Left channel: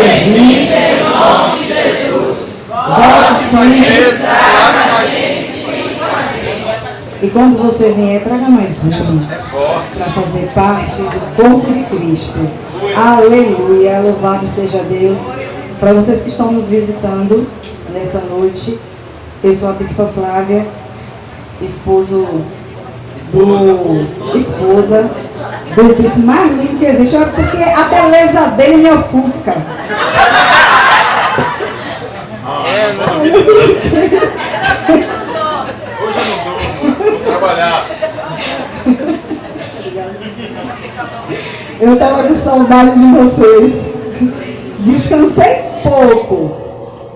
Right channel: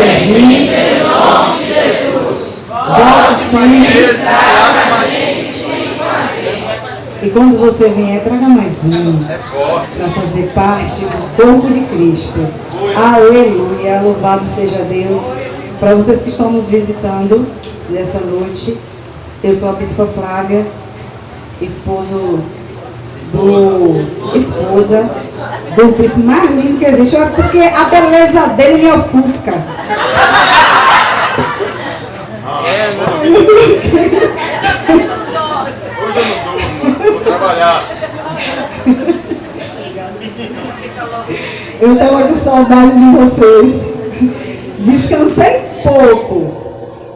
bem-vindos. Volte sempre. E quando você vier, traga mais um para fazer parte do corpo de Cristo. Aleluia, louvado seja Deus. Para vocês que estão nos visitando nessa noite, eu sou a Bispa Flávia, esposa do bispo mais lindo que existe, porque a beleza dele me ofusca. Vou trabalhar. Eu estava com saudade de vocês. Descansei pouco,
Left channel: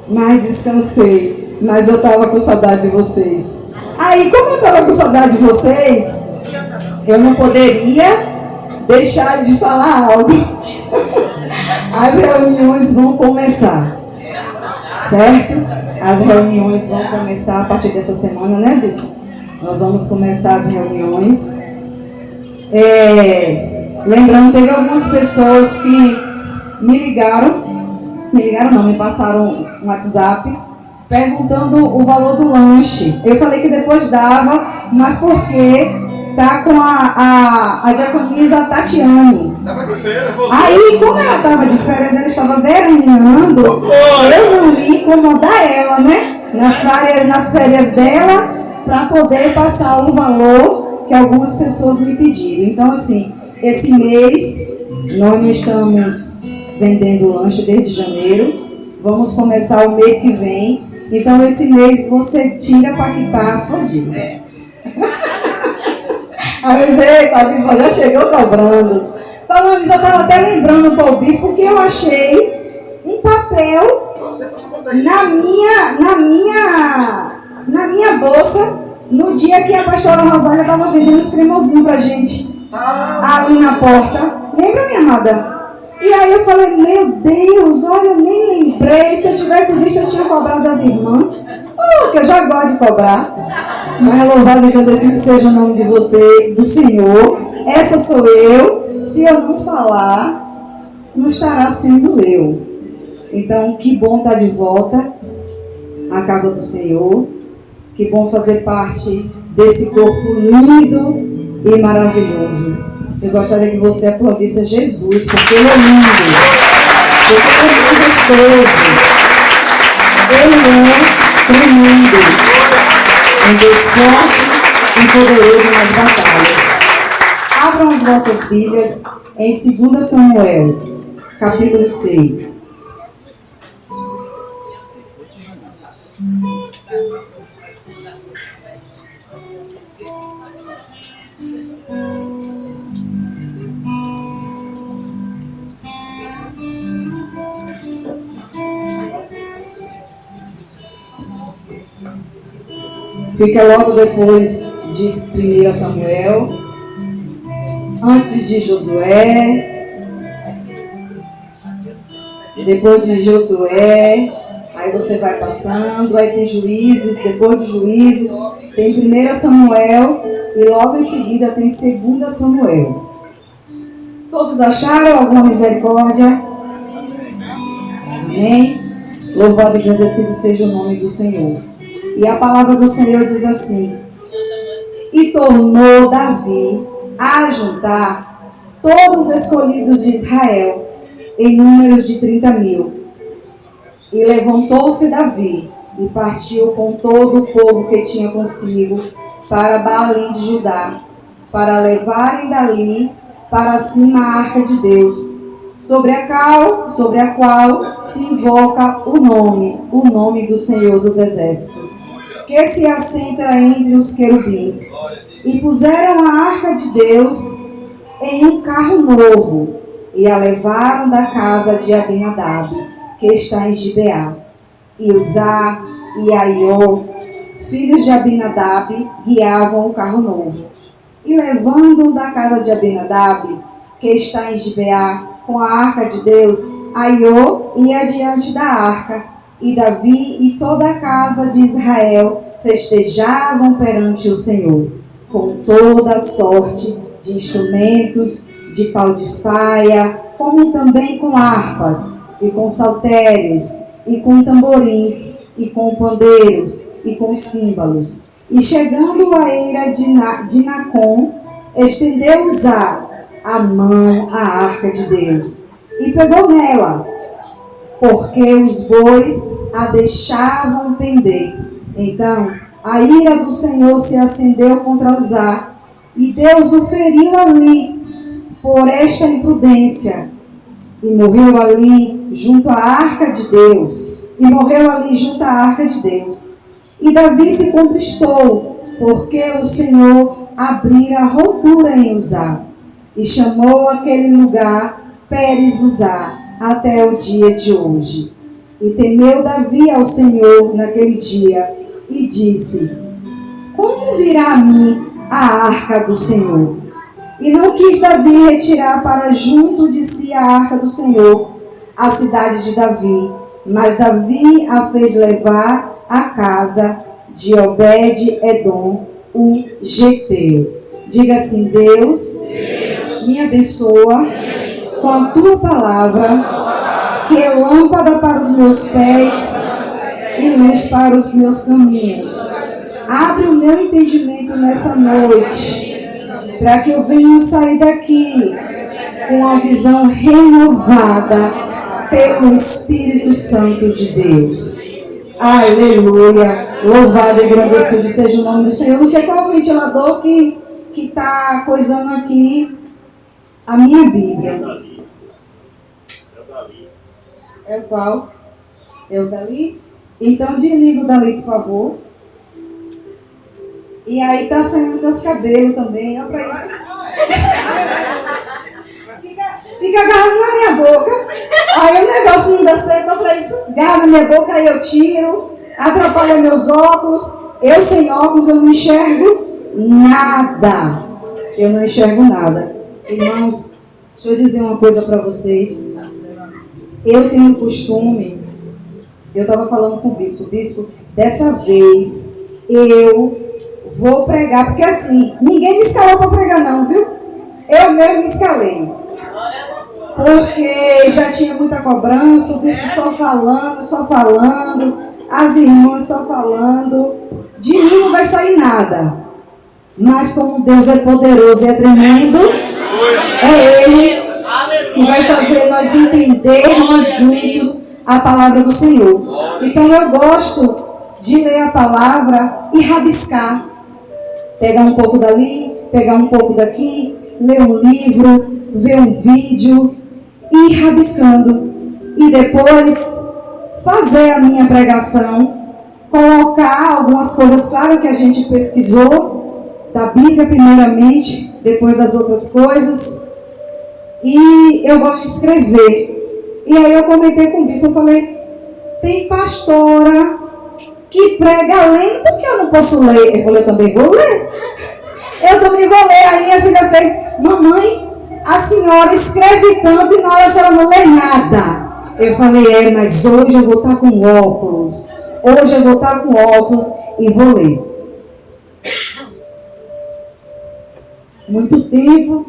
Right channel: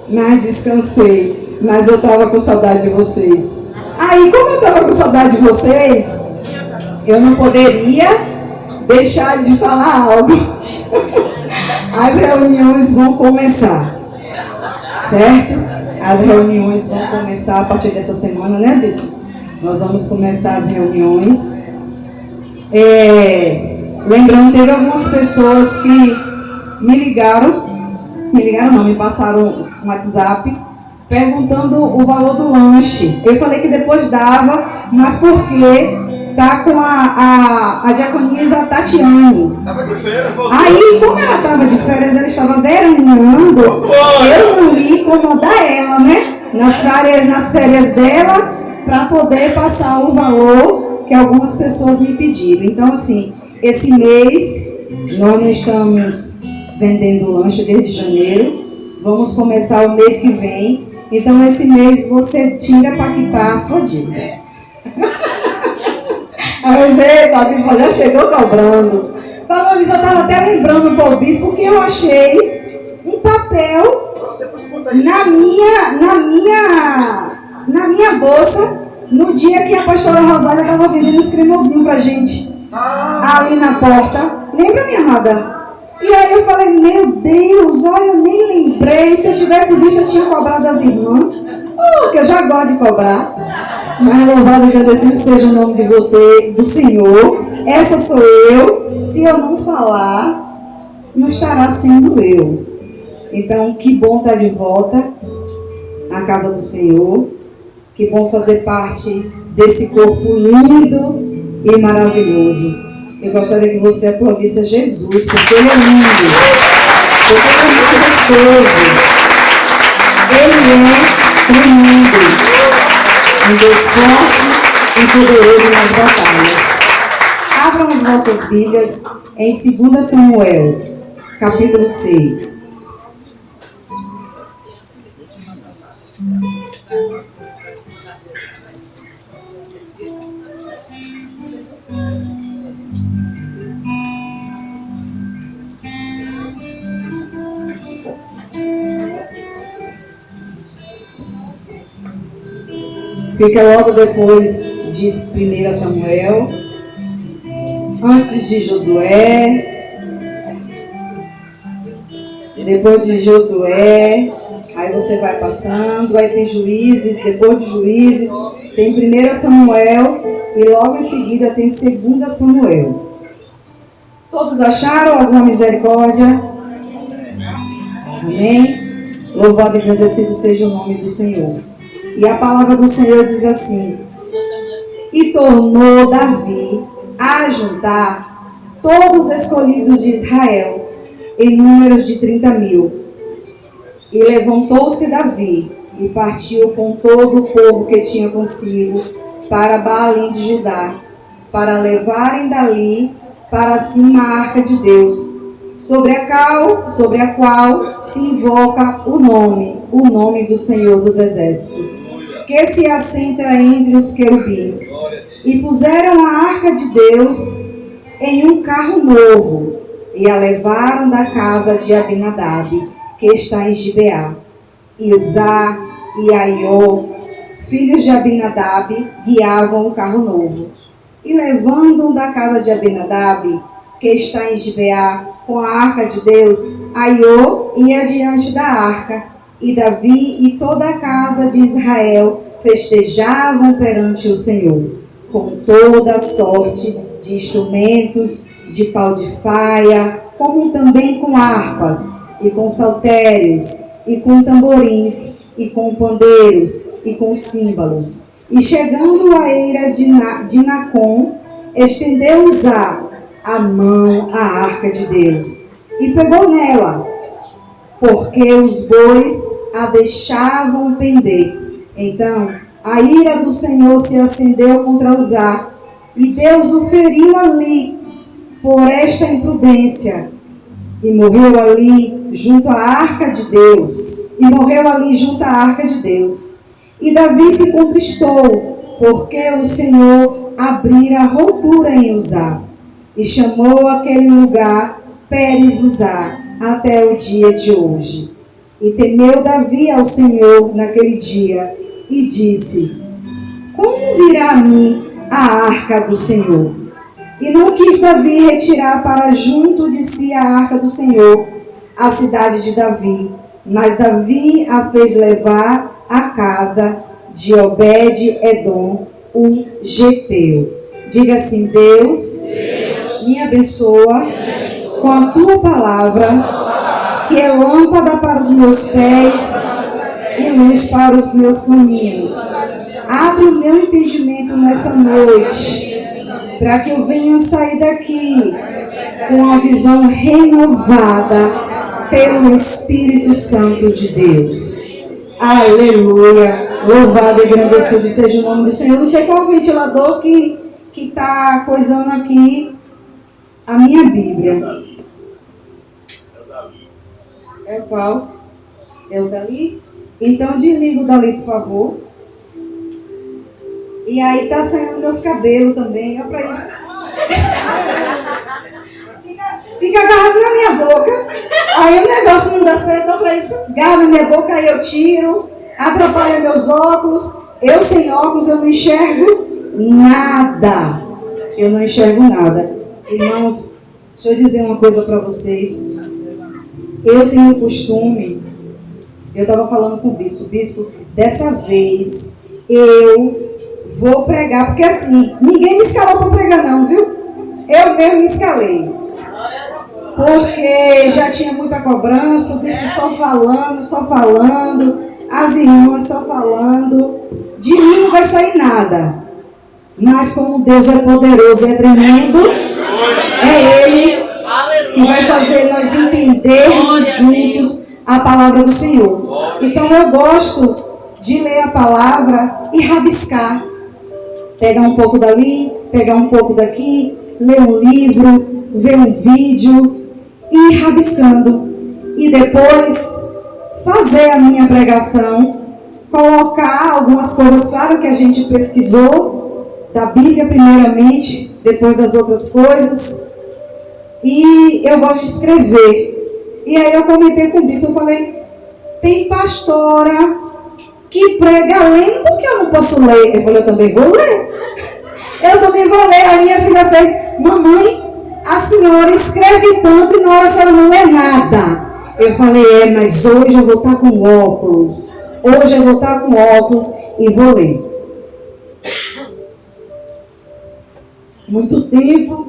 mas descansei. Mas eu estava com saudade de vocês. Aí, como eu estava com saudade de vocês, eu não poderia deixar de falar algo. As reuniões vão começar, certo? As reuniões vão começar a partir dessa semana, né, bispo? Nós vamos começar as reuniões. Lembrando, teve algumas pessoas que me passaram um WhatsApp perguntando o valor do lanche. Eu falei que depois dava, mas porque tá com a diaconisa Tatiane. Tava de férias, Aí, como ela estava de férias, ela estava veraneando, eu não ia incomodar ela, né? Nas férias dela, para poder passar o valor que algumas pessoas me pediram. Então, assim, esse mês, nós não estamos vendendo lanche desde janeiro. Vamos começar o mês que vem. Então, esse mês, você tira para quitar a sua dívida. Mas, eita, bispo já chegou cobrando. Falando, já estava até lembrando para o bispo, porque eu achei um papel na minha bolsa no dia que a pastora Rosália estava vendendo os cremosinhos para a gente. Ali na porta. Lembra, minha amada? E aí eu falei, meu Deus, olha, eu nem lembrei. Se eu tivesse visto, eu tinha cobrado das irmãs. Que eu já gosto de cobrar. Mas louvado e agradecido seja o nome de você, do Senhor. Essa sou eu. Se eu não falar, não estará sendo eu. Então, que bom estar de volta à casa do Senhor. Que bom fazer parte desse corpo lindo e maravilhoso. Eu gostaria que você aplaudisse a Jesus, porque Ele é lindo. Porque Ele é muito gostoso. Ele é tremendo. Um Deus forte e poderoso nas batalhas. Abram as nossas Bíblias em 2 Samuel, capítulo 6. Fica logo depois de 1 Samuel, antes de Josué, depois de Josué, aí você vai passando, aí tem Juízes, depois de Juízes, tem 1 Samuel e logo em seguida tem 2 Samuel. Todos acharam alguma misericórdia? Amém? Louvado e agradecido seja o nome do Senhor. E a palavra do Senhor diz assim: e tornou Davi a juntar todos os escolhidos de Israel, em números de 30.000. E levantou-se Davi e partiu com todo o povo que tinha consigo para Baalim de Judá, para levarem dali para cima a arca de Deus, sobre a qual se invoca o nome do Senhor dos Exércitos, que se assenta entre os querubins. E puseram a arca de Deus em um carro novo, e a levaram da casa de Abinadab, que está em Gibeá. E Uzá e Aiô, filhos de Abinadab, guiavam o carro novo. E levando-o da casa de Abinadab, que está em Gibeá, com a arca de Deus, Aiô ia diante da arca, e Davi e toda a casa de Israel festejavam perante o Senhor, com toda sorte de instrumentos, de pau de faia, como também com harpas, e com saltérios, e com tamborins, e com pandeiros, e com símbolos. E chegando à eira de Nacon, estendeu Uzá a mão à arca de Deus, e pegou nela, porque os bois a deixavam pender. Então a ira do Senhor se acendeu contra Uzá, e Deus o feriu ali por esta imprudência, e morreu ali junto à arca de Deus. E Davi se contristou, porque o Senhor abrira rotura em Uzá, e chamou aquele lugar Pérez-Uzá até o dia de hoje. E temeu Davi ao Senhor naquele dia, e disse: como virá a mim a arca do Senhor? E não quis Davi retirar para junto de si a arca do Senhor, a cidade de Davi, mas Davi a fez levar à casa de Obed-edom, o geteu. Diga assim: Deus me abençoa com a tua palavra, que é lâmpada para os meus pés e luz para os meus caminhos. Abre o meu entendimento nessa noite, para que eu venha sair daqui com uma visão renovada pelo Espírito Santo de Deus. Aleluia! Louvado e engrandecido seja o nome do Senhor. Não sei qual é o ventilador que está coisando aqui a minha Bíblia. É o qual? É o dali? Então desliga o dali, por favor. E aí tá saindo meus cabelos também, olha pra isso. Fica agarrado na minha boca. Aí o negócio não dá certo, olha pra isso. Agarra na minha boca, aí eu tiro. Atrapalha meus óculos. Eu sem óculos eu não enxergo nada. Eu não enxergo nada. Irmãos, deixa eu dizer uma coisa para vocês. Eu tenho o costume, eu estava falando com o bispo, dessa vez eu vou pregar, porque assim, ninguém me escalou para pregar não, viu? Eu mesmo me escalei. Porque já tinha muita cobrança, o bispo só falando, as irmãs só falando. De mim não vai sair nada. Mas como Deus é poderoso e é tremendo, é Ele que vai fazer nós entendermos juntos a palavra do Senhor. Então eu gosto de ler a palavra e rabiscar. Pegar um pouco dali, pegar um pouco daqui, ler um livro, ver um vídeo e ir rabiscando. E depois fazer a minha pregação, colocar algumas coisas, claro que a gente pesquisou, da Bíblia primeiramente, depois das outras coisas. E eu gosto de escrever. E aí eu comentei com o bispo, eu falei, tem pastora que prega lendo, por que eu não posso ler? Eu falei, eu também vou ler. Eu também vou ler. A minha filha fez, mamãe, a senhora escreve tanto e na hora a senhora não lê nada. Eu falei, mas hoje eu vou estar com óculos. Hoje eu vou estar com óculos e vou ler. Muito tempo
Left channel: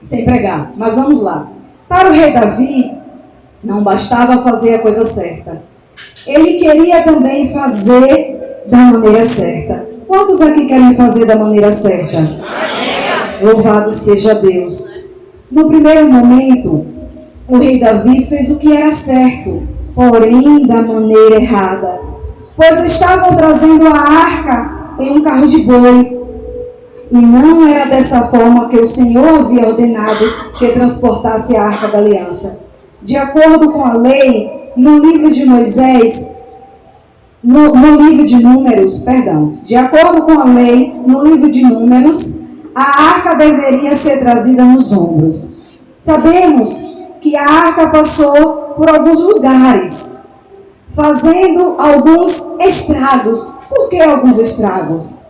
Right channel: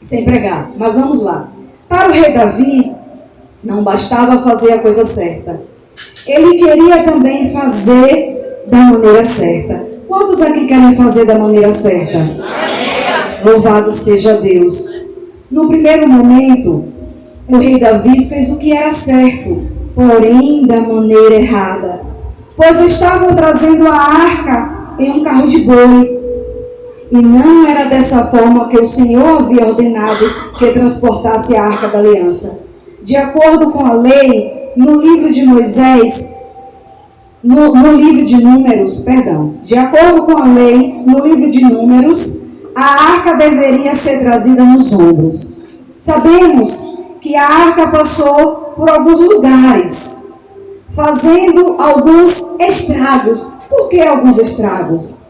sem pregar, mas vamos lá. Para o rei Davi, não bastava fazer a coisa certa. Ele queria também fazer da maneira certa. Quantos aqui querem fazer da maneira certa? Louvado seja Deus. No primeiro momento, o rei Davi fez o que era certo, porém da maneira errada. Pois estavam trazendo a arca em um carro de boi. E não era dessa forma que o Senhor havia ordenado que transportasse a arca da aliança. De acordo com a lei, no livro de Moisés, no livro de Números, de acordo com a lei, no livro de Números, a arca deveria ser trazida nos ombros. Sabemos que a arca passou por alguns lugares, fazendo alguns estragos. Por que alguns estragos?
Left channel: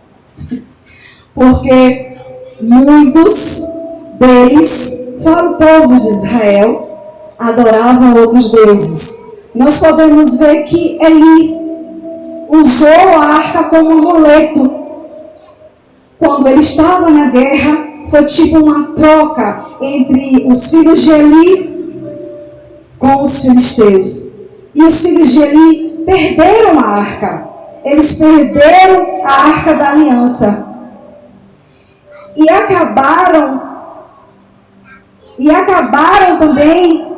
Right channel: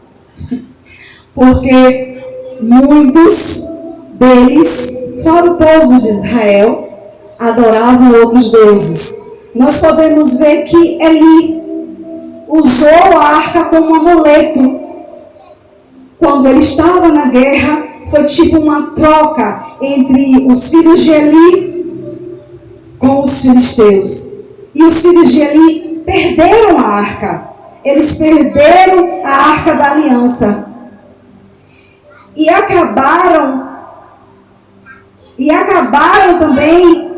Porque muitos deles, fora o povo de Israel, adoravam outros deuses. Nós podemos ver que Eli usou a arca como um amuleto. Quando ele estava na guerra, foi tipo uma troca entre os filhos de Eli com os filisteus. E os filhos de Eli perderam a arca. Eles perderam a arca da aliança. E acabaram também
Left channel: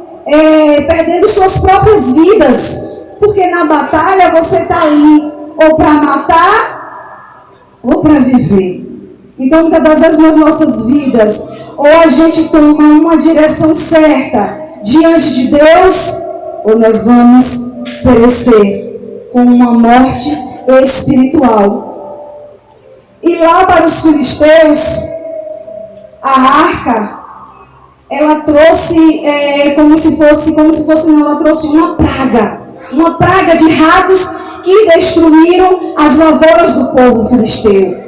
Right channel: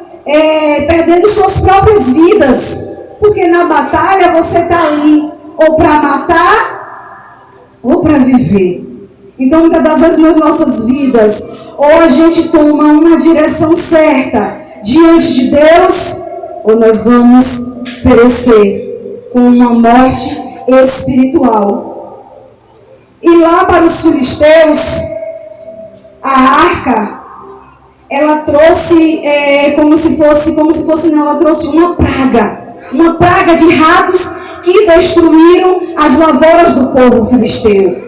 perdendo suas próprias vidas. Porque na batalha você está ali ou para matar ou para viver. Então, muitas das vezes nas nossas vidas, ou a gente toma uma direção certa diante de Deus, ou nós vamos perecer com uma morte espiritual. E lá para os filisteus, a arca, ela trouxe ela trouxe uma praga de ratos que destruíram as lavouras do povo filisteu.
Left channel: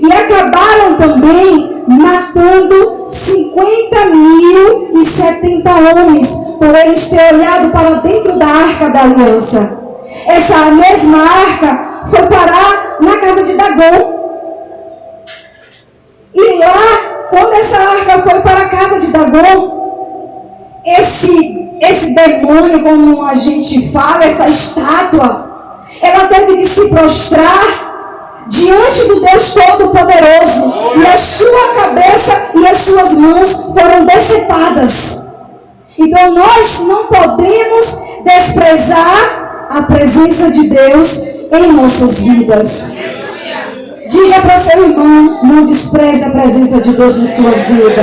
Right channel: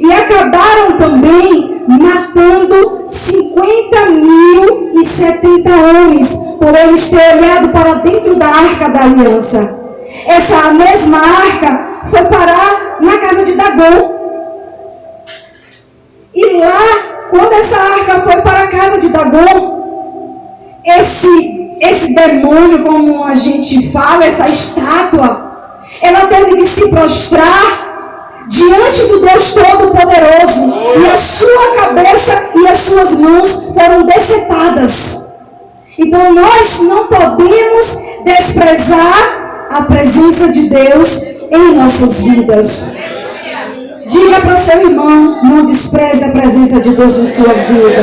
E acabaram também matando 50.070 homens, por eles terem olhado para dentro da arca da aliança. Essa mesma arca foi parar na casa de Dagom. E lá, quando essa arca foi para a casa de Dagom, esse demônio, como a gente fala, essa estátua, ela teve que se prostrar diante do Deus Todo-Poderoso, e a sua cabeça e as suas mãos foram decepadas. Então nós não podemos desprezar a presença de Deus em nossas vidas. Diga para seu irmão, não despreze a presença de Deus em sua vida.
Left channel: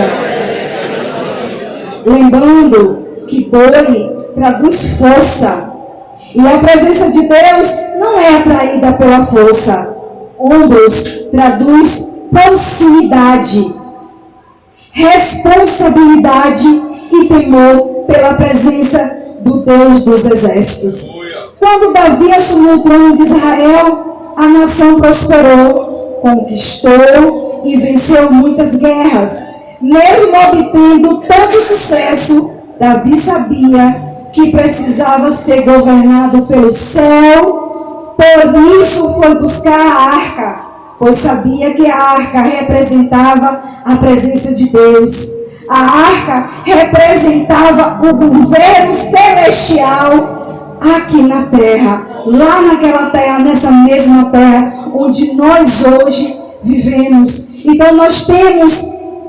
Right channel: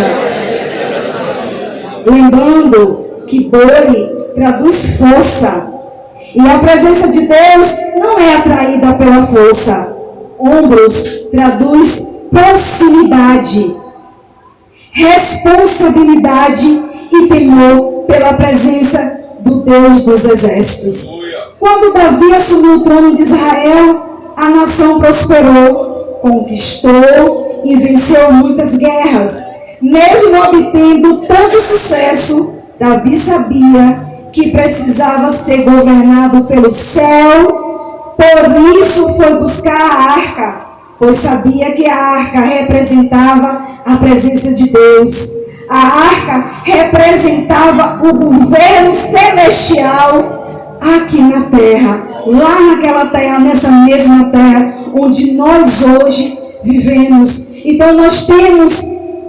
Lembrando que boi traduz força, e a presença de Deus não é atraída pela força. Ombros traduz proximidade, responsabilidade e temor pela presença do Deus dos exércitos. Quando Davi assumiu o trono de Israel, a nação prosperou, conquistou e venceu muitas guerras. Mesmo obtendo tanto sucesso, Davi sabia que precisava ser governado pelo céu. Por isso foi buscar a arca, pois sabia que a arca representava a presença de Deus. A arca representava o governo celestial aqui na terra, lá naquela terra, nessa mesma terra onde nós hoje vivemos. Então nós temos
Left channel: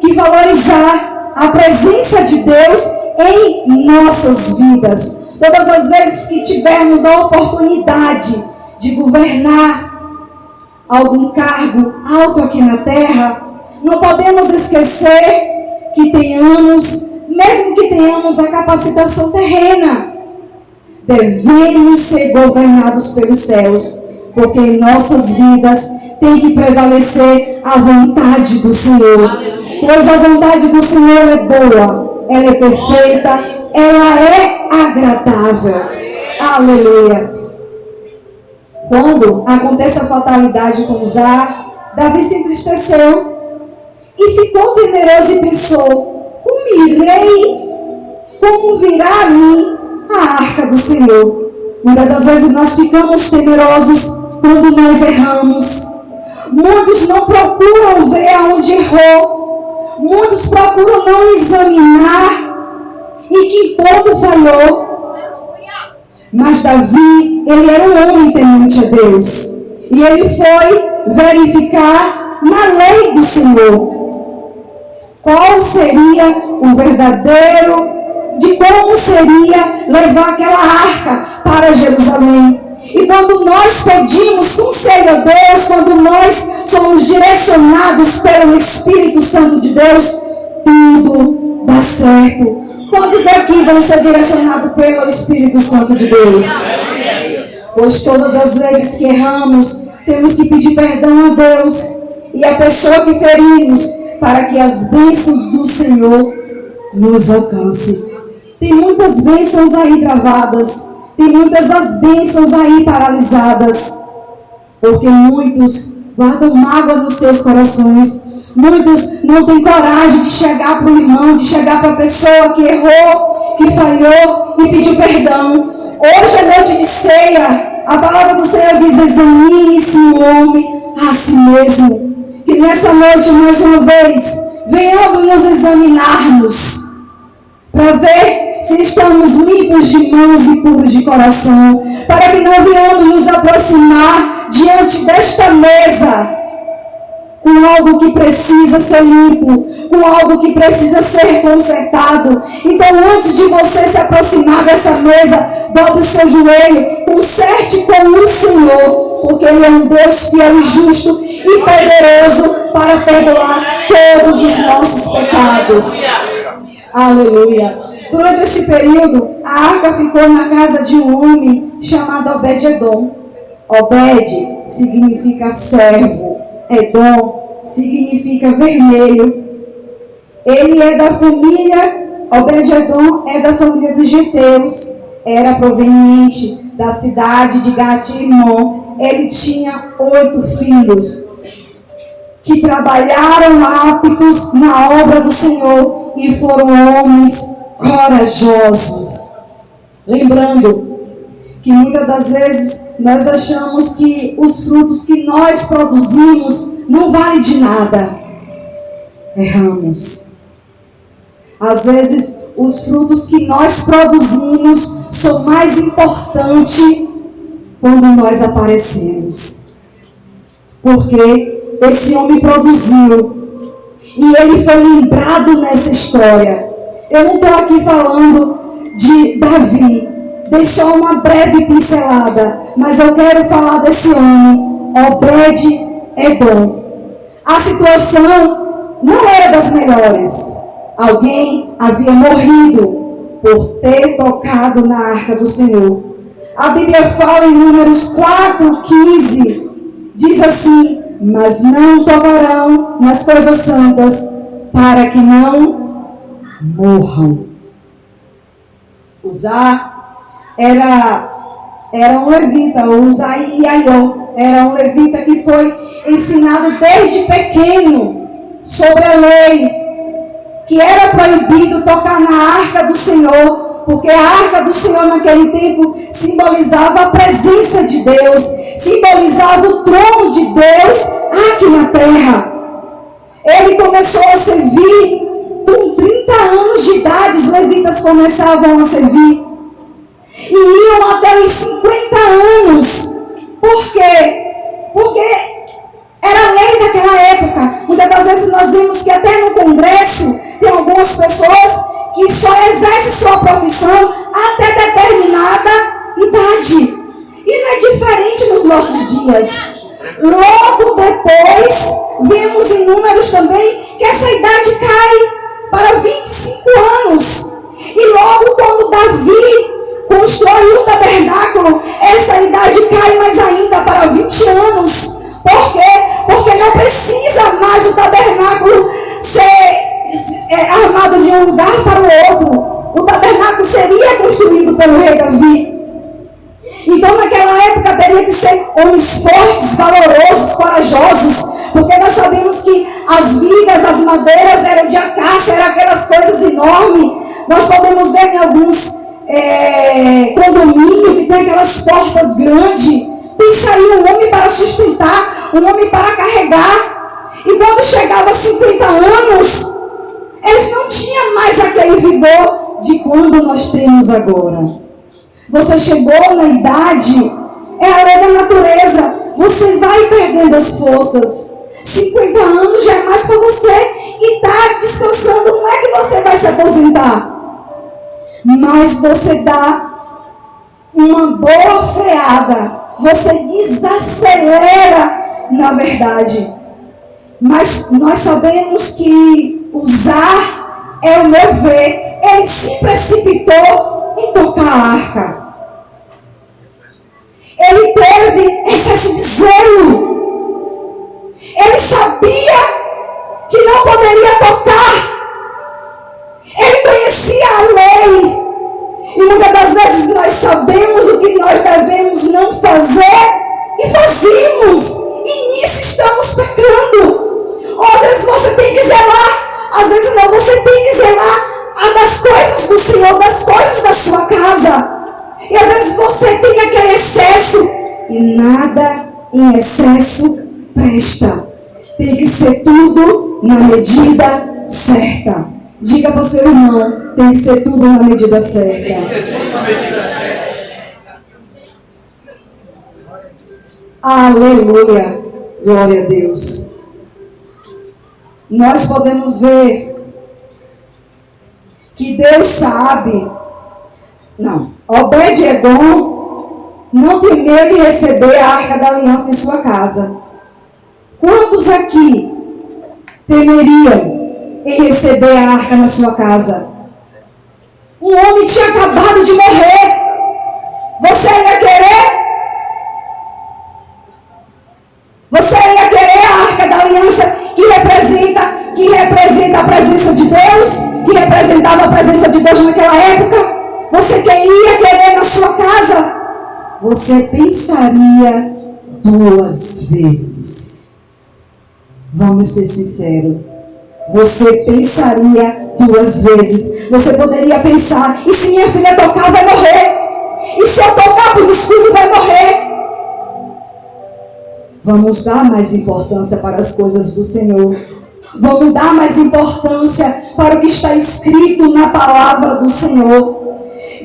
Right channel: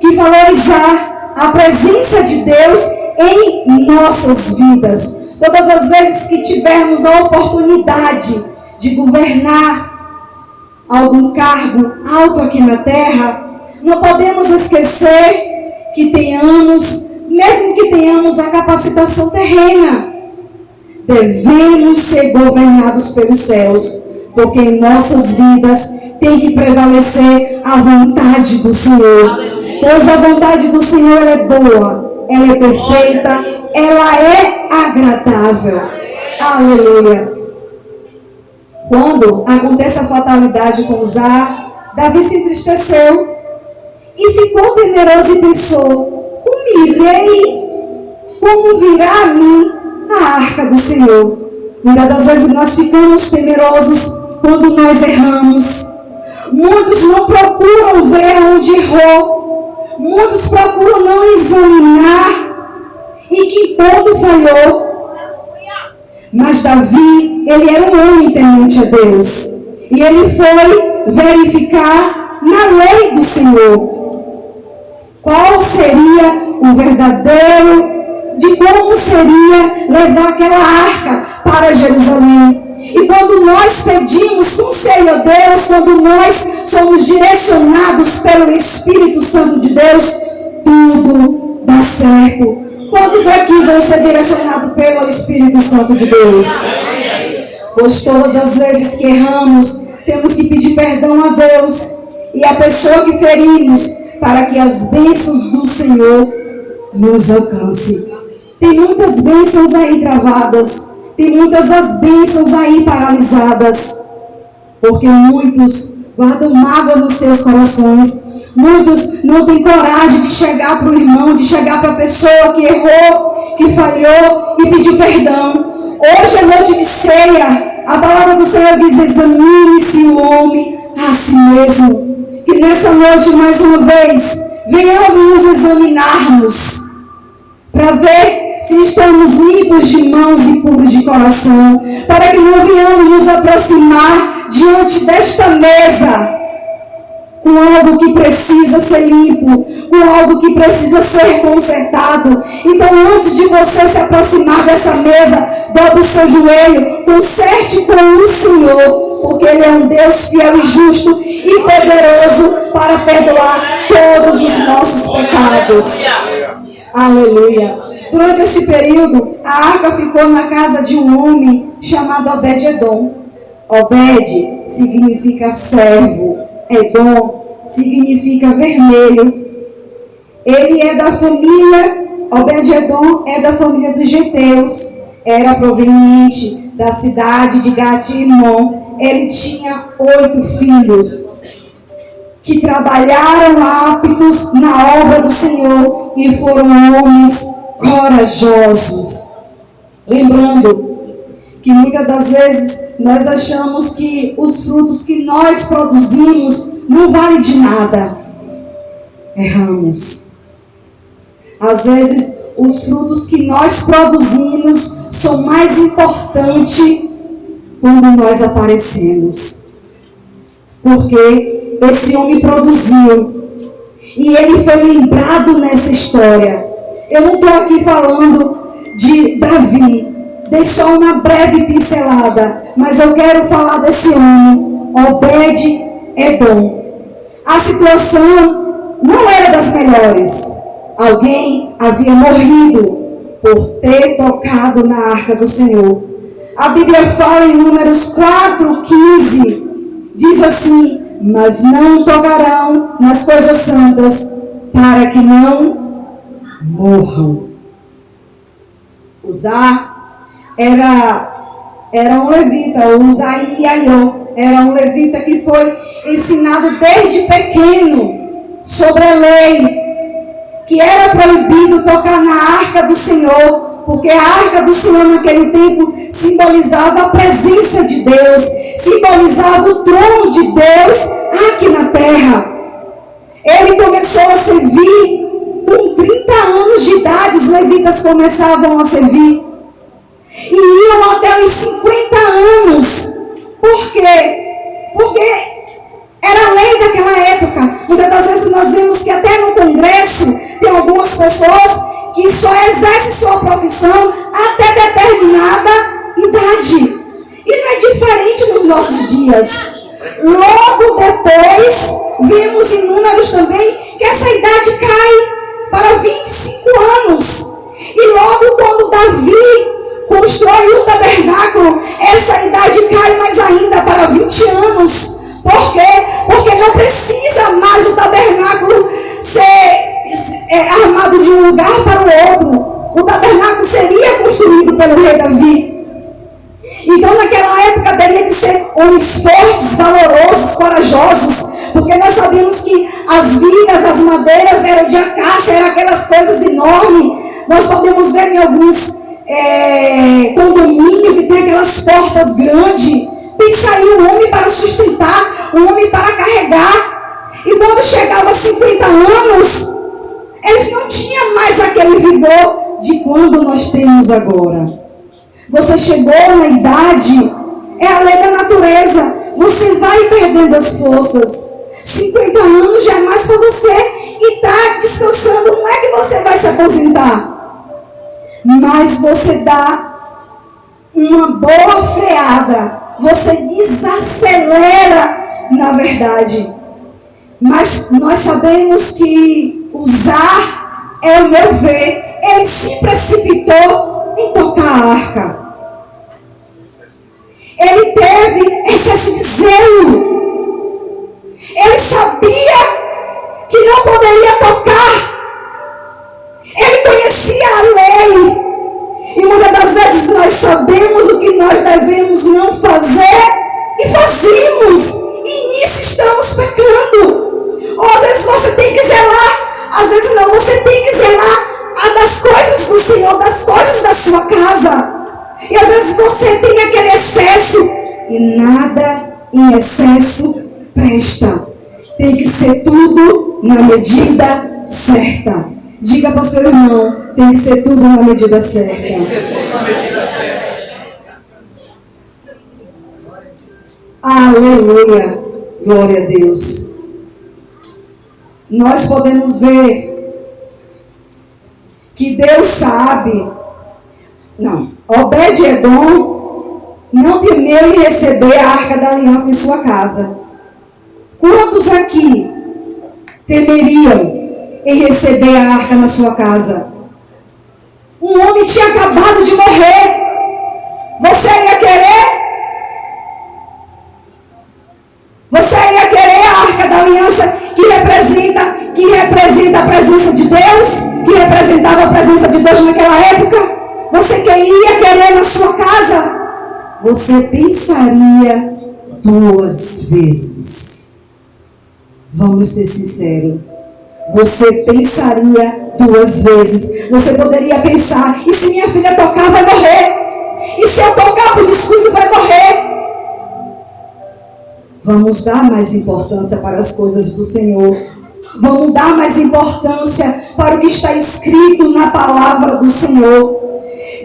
que valorizar a presença de Deus em nossas vidas. Todas as vezes que tivermos a oportunidade de governar algum cargo alto aqui na terra, não podemos esquecer que mesmo que tenhamos a capacitação terrena, devemos ser governados pelos céus, porque em nossas vidas tem que prevalecer a vontade do Senhor, pois a vontade do Senhor é boa, ela é perfeita, ela é agradável. Aleluia. Quando acontece a fatalidade com Uzá, Davi se entristeceu e ficou temeroso e pensou: como irei? Como virá a mim a arca do Senhor? Muitas das vezes nós ficamos temerosos quando nós erramos. Muitos não procuram ver aonde errou. Muitos procuram não examinar em que ponto falhou. Mas Davi, ele era um homem temente a Deus. E ele foi verificar na lei do Senhor qual seria o verdadeiro, de como seria levar aquela arca para Jerusalém. E quando nós pedimos conselho a Deus, quando nós somos direcionados pelo Espírito Santo de Deus, tudo dá certo. Quantos aqui vão ser direcionados pelo Espírito Santo de Deus? Pois todas as vezes que erramos, temos que pedir perdão a Deus e a pessoa que ferimos, para que as bênçãos do Senhor nos alcancem. Tem muitas bênçãos aí travadas, tem muitas as bênçãos aí paralisadas, porque muitos guardam mágoa nos seus corações. Muitos não têm coragem de chegar para o irmão, de chegar para a pessoa que errou, que falhou e pedir perdão. Hoje é noite de ceia. A palavra do Senhor diz: examine-se o homem a si mesmo. Que nessa noite, mais uma vez, venhamos nos examinarmos para ver se estamos limpos de mãos e puros de coração, para que não venhamos nos aproximar diante desta mesa com algo que precisa ser limpo, com algo que precisa ser consertado. Então, antes de você se aproximar dessa mesa, dobre o seu joelho, conserte com o Senhor, porque Ele é um Deus fiel e justo e poderoso para perdoar todos os nossos pecados. Aleluia. Durante este período, a arca ficou na casa de um homem chamado Obed-Edom. Obed significa servo. Edom significa vermelho. Ele é da família, Obed-Edom é da família dos Geteus. Era proveniente da cidade de Gat-Rimon. Ele tinha 8 filhos que trabalharam aptos na obra do Senhor e foram homens corajosos. Lembrando que muitas das vezes nós achamos que os frutos que nós produzimos não valem de nada. Erramos. Às vezes os frutos que nós produzimos são mais importantes quando nós aparecemos. Porque esse homem produziu e ele foi lembrado nessa história. Eu não estou aqui falando de Davi, dei só uma breve pincelada, mas eu quero falar desse homem, Obed-Edom. A situação não era das melhores. Alguém havia morrido por ter tocado na arca do Senhor. A Bíblia fala em Números 4:15, diz assim: mas não tocarão nas coisas santas, para que não morram. Uzá era um levita, Uzá-e-Aiô, era um levita que foi ensinado desde pequeno sobre a lei, que era proibido tocar na arca do Senhor, porque a arca do Senhor naquele tempo simbolizava a presença de Deus, simbolizava o trono de Deus aqui na terra. Ele começou a servir com 30 anos de idade, os levitas começavam a servir. E iam até os 50 anos. Por quê? Porque era a lei daquela época. Muitas das vezes nós vemos que até no Congresso tem algumas pessoas que só exercem sua profissão até determinada idade. E não é diferente nos nossos dias. Logo depois, vemos em Números também que essa idade cai para 25 anos. E logo quando Davi construiu o tabernáculo, essa idade cai mais ainda para 20 anos. Por quê? Porque não precisa mais o tabernáculo ser armado de um lugar para o outro. O tabernáculo seria construído pelo rei Davi. Então naquela época teria que ser homens fortes, valorosos, corajosos, porque nós sabemos que as vigas, as madeiras eram de acácia, eram aquelas coisas enormes. Nós podemos ver em alguns condomínios que tem aquelas portas grandes. Pensa aí, um homem para sustentar, um homem para carregar. E quando chegava a 50 anos, eles não tinham mais aquele vigor de quando nós temos agora. Você chegou na idade, é a lei da natureza, você vai perdendo as forças. 50 anos já é mais para você e está descansando. Não é que você vai se aposentar, mas você dá uma boa freada, você desacelera na verdade. Mas nós sabemos que Uzá, ao meu ver, ele se precipitou em tocar a arca. Ele teve excesso de zelo. Ele sabia que não poderia tocar. Ele conhecia a lei. E muitas das vezes nós sabemos o que nós devemos não fazer e fazemos. E nisso estamos pecando. Ou às vezes você tem que zelar, às vezes não, você tem que zelar das coisas do Senhor, das coisas da sua casa. E às vezes você tem aquele excesso e nada em excesso presta. Tem que ser tudo na medida certa. Diga para o seu irmão, Tem que ser tudo na medida certa. Tem que ser tudo na medida certa. Aleluia. Glória a Deus. Nós podemos ver que Deus sabe. Não. Obed-edom não temeu em receber a arca da aliança em sua casa. Quantos aqui temeriam em receber a arca na sua casa? Um homem tinha acabado de morrer. Você ia querer? Você ia querer a arca da aliança que representa a presença de Deus? Que representava a presença de Deus naquela época? Você ia querer na sua casa? Você pensaria 2 vezes. Vamos ser sinceros. Você pensaria 2 vezes. Você poderia pensar: e se minha filha tocar, vai morrer? E se eu tocar por descuido, vai morrer? Vamos dar mais importância para as coisas do Senhor. Vamos dar mais importância para o que está escrito na palavra do Senhor.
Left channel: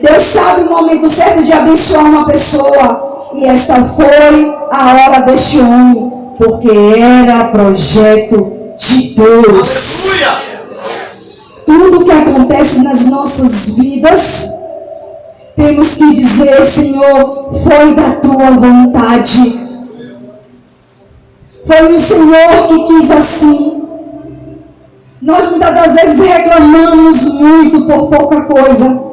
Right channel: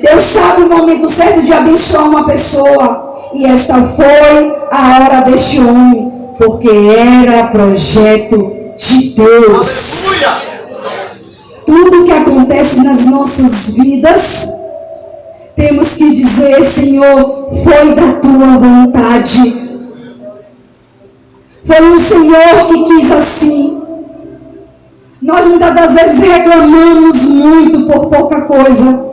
Deus sabe o momento certo de abençoar uma pessoa. E esta foi a hora deste homem. Porque era projeto de Deus. Tudo que acontece nas nossas vidas, temos que dizer: Senhor, foi da tua vontade. Foi o Senhor que quis assim. Nós muitas das vezes reclamamos muito por pouca coisa.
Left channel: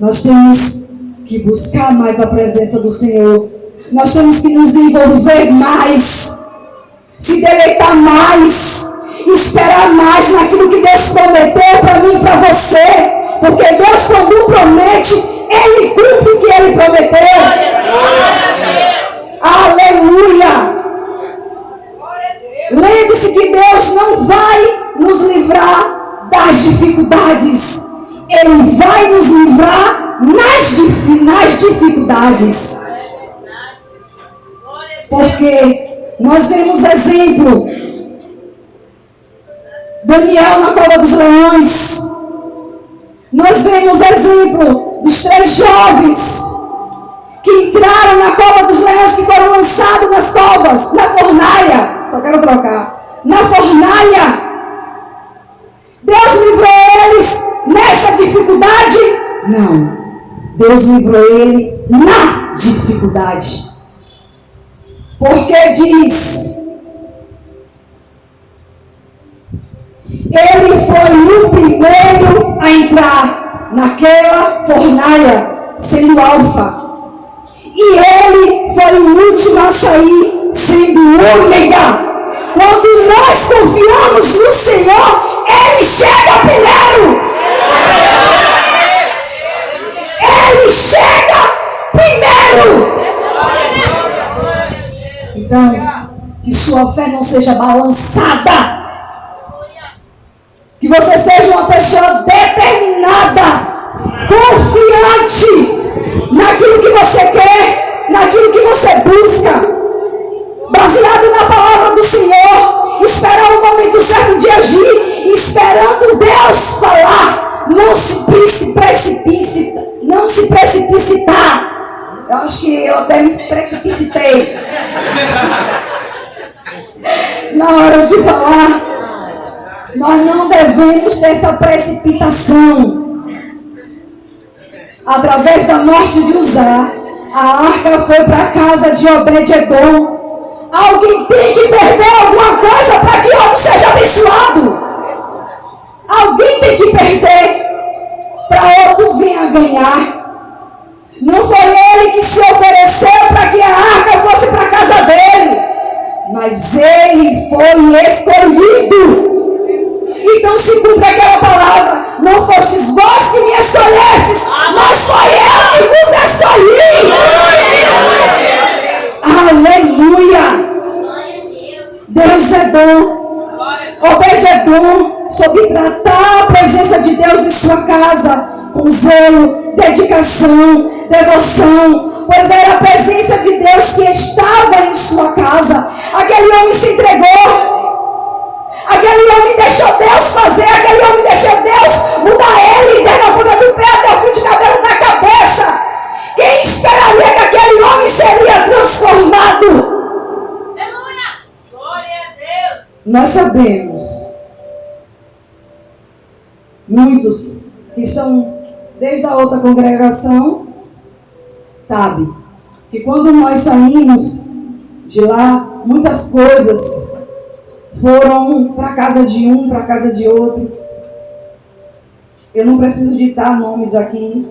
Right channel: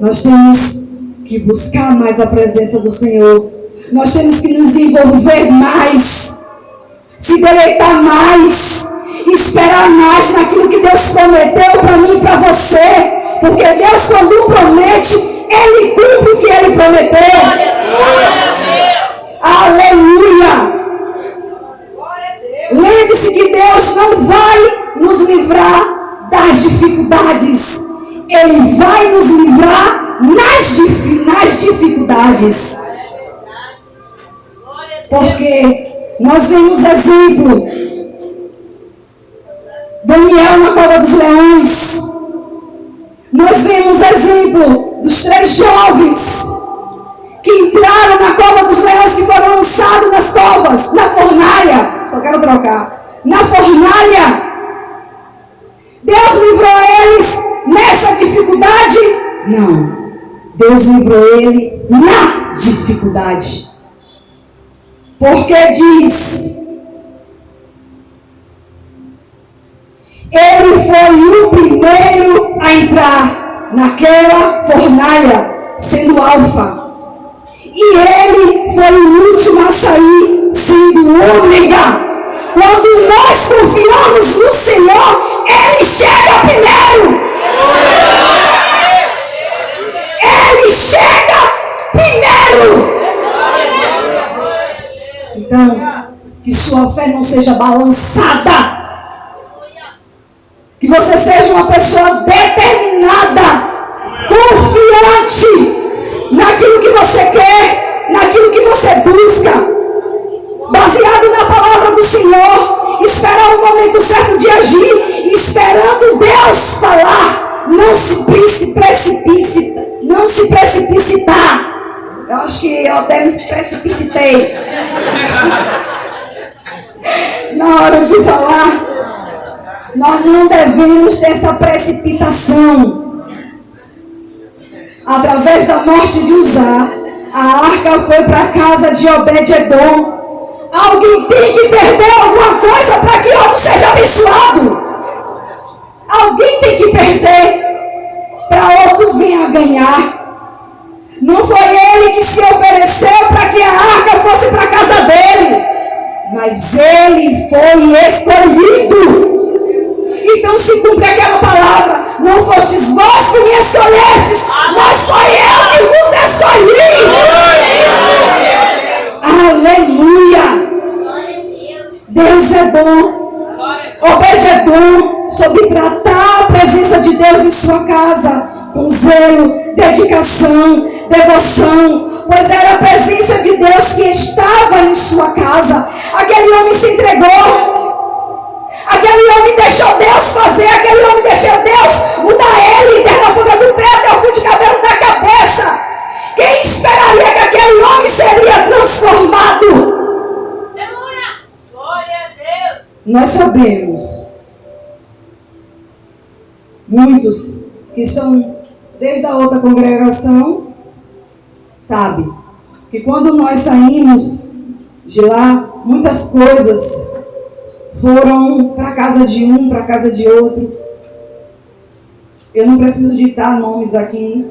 Nós temos que buscar mais a presença do Senhor. Nós temos que nos envolver mais, se deleitar mais, esperar mais naquilo que Deus prometeu para mim e para você. Porque Deus, quando promete, Ele cumpre o que Ele prometeu. Aleluia! Lembre-se que Deus não vai nos livrar das dificuldades. Ele vai nos livrar nas dificuldades. Porque nós vemos exemplo. Daniel na cova dos leões. Nós vemos exemplo dos 3 jovens que entraram na cova dos leões, que foram lançados nas covas, na fornalha. Só quero trocar. Na fornalha. Deus livrou eles nessa dificuldade? Não. Deus livrou ele na dificuldade. Porque diz: ele foi o primeiro a entrar naquela fornalha, sendo alfa. E ele foi o último a sair, sendo ômega. Quando nós confiamos no Senhor, Ele chega primeiro. Ele chega primeiro. Então, que sua fé não seja balançada. Que você seja uma pessoa determinada, confiante naquilo que você quer, naquilo que você busca. Baseado na palavra do Senhor, esperar o momento certo de agir, esperando Deus falar, não se precipitar. Eu acho que eu até me precipitei na hora de falar. Nós não devemos ter essa precipitação. Através da morte de Uzá, a arca foi para a casa de Obed-edom. Alguém tem que perder alguma coisa para que outro seja abençoado. Alguém tem que perder para outro venha ganhar. Não foi ele que se ofereceu para que a arca fosse para a casa dele, mas ele foi escolhido. Então se cumpre aquela palavra: não fostes vós que me escolhestes, mas foi eu que vos escolhi. Aleluia! Deus é bom. Obed-edom soube tratar a presença de Deus em sua casa com zelo, dedicação, devoção, pois era a presença de Deus que estava em sua casa. Aquele homem se entregou. Aquele homem deixou Deus fazer, aquele homem deixou Deus mudar ele, desde a ponta do pé até o fio de cabelo da cabeça. Quem esperaria que aquele homem seria transformado? Aleluia! Glória a Deus! Nós sabemos, muitos que são desde a outra congregação, sabem que quando nós saímos de lá, muitas coisas foram para casa de um, para casa de outro. Eu não preciso ditar nomes aqui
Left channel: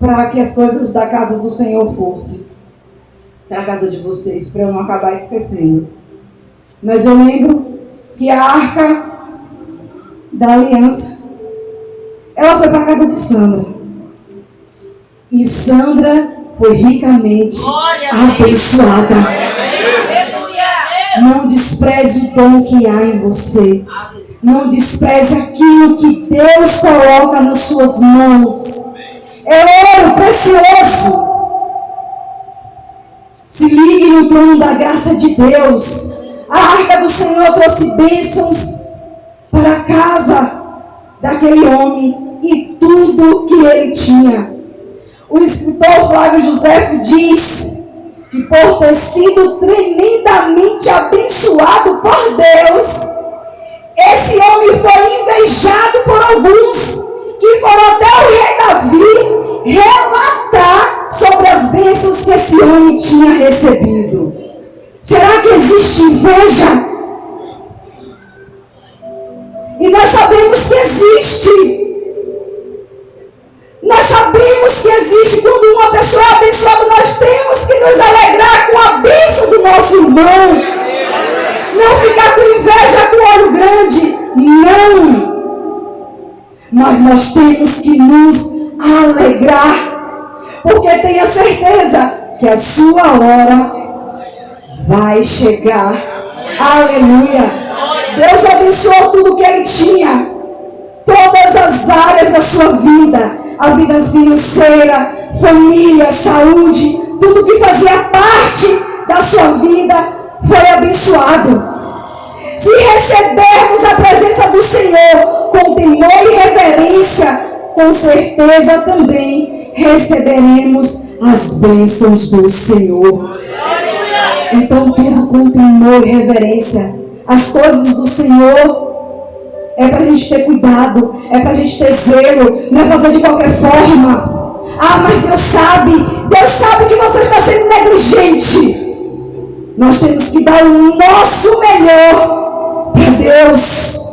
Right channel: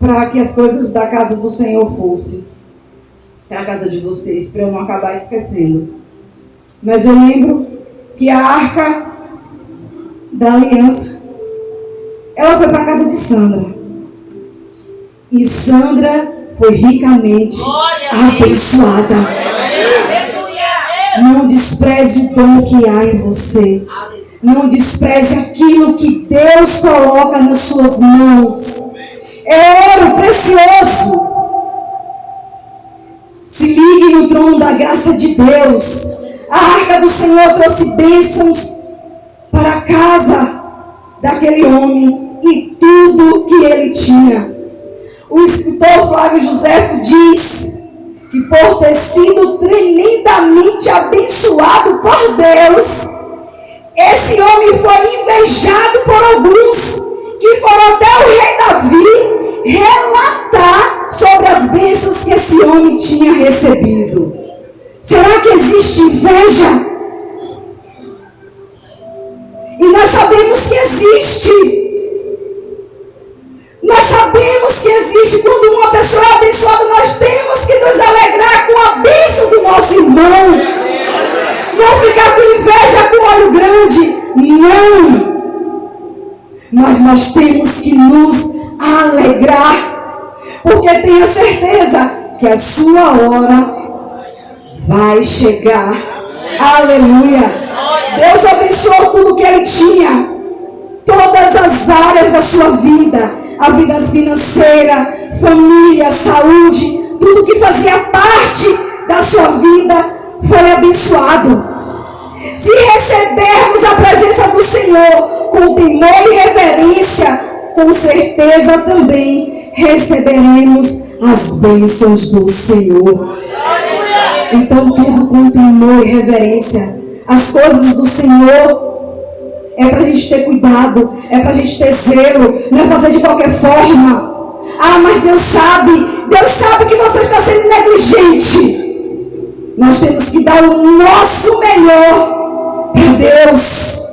para que as coisas da casa do Senhor fossem para a casa de vocês, para eu não acabar esquecendo. Mas eu lembro que a arca da aliança, ela foi para a casa de Sandra. E Sandra foi ricamente abençoada. Não despreze o dom que há em você. Não despreze aquilo que Deus coloca nas suas mãos. É ouro precioso. Se ligue no trono da graça de Deus. A arca do Senhor trouxe bênçãos para a casa daquele homem e tudo que ele tinha. O escritor Flávio Josefo diz que por ter sido tremendamente abençoado por Deus, esse homem foi invejado por alguns que foram até o rei Davi relatar sobre as bênçãos que esse homem tinha recebido. Será que existe inveja? E nós sabemos que existe. Nós sabemos que existe. Quando uma pessoa é abençoada, nós temos que nos alegrar com a bênção do nosso irmão. Não ficar com inveja com olho grande. Não. Mas nós temos que nos alegrar. Porque tenha certeza que a sua hora vai chegar. Aleluia. Deus abençoou tudo que ele tinha. Todas as áreas da sua vida. A vida financeira, família, saúde. Tudo que fazia parte da sua vida foi abençoado. Se recebermos a presença do Senhor com temor e reverência, com certeza também receberemos as bênçãos do Senhor. Então tudo com temor e reverência. As coisas do Senhor é para a gente ter cuidado, é para a gente ter zelo, não é fazer de qualquer forma. Ah, mas Deus sabe que você está sendo negligente. Nós temos que dar o nosso melhor para Deus.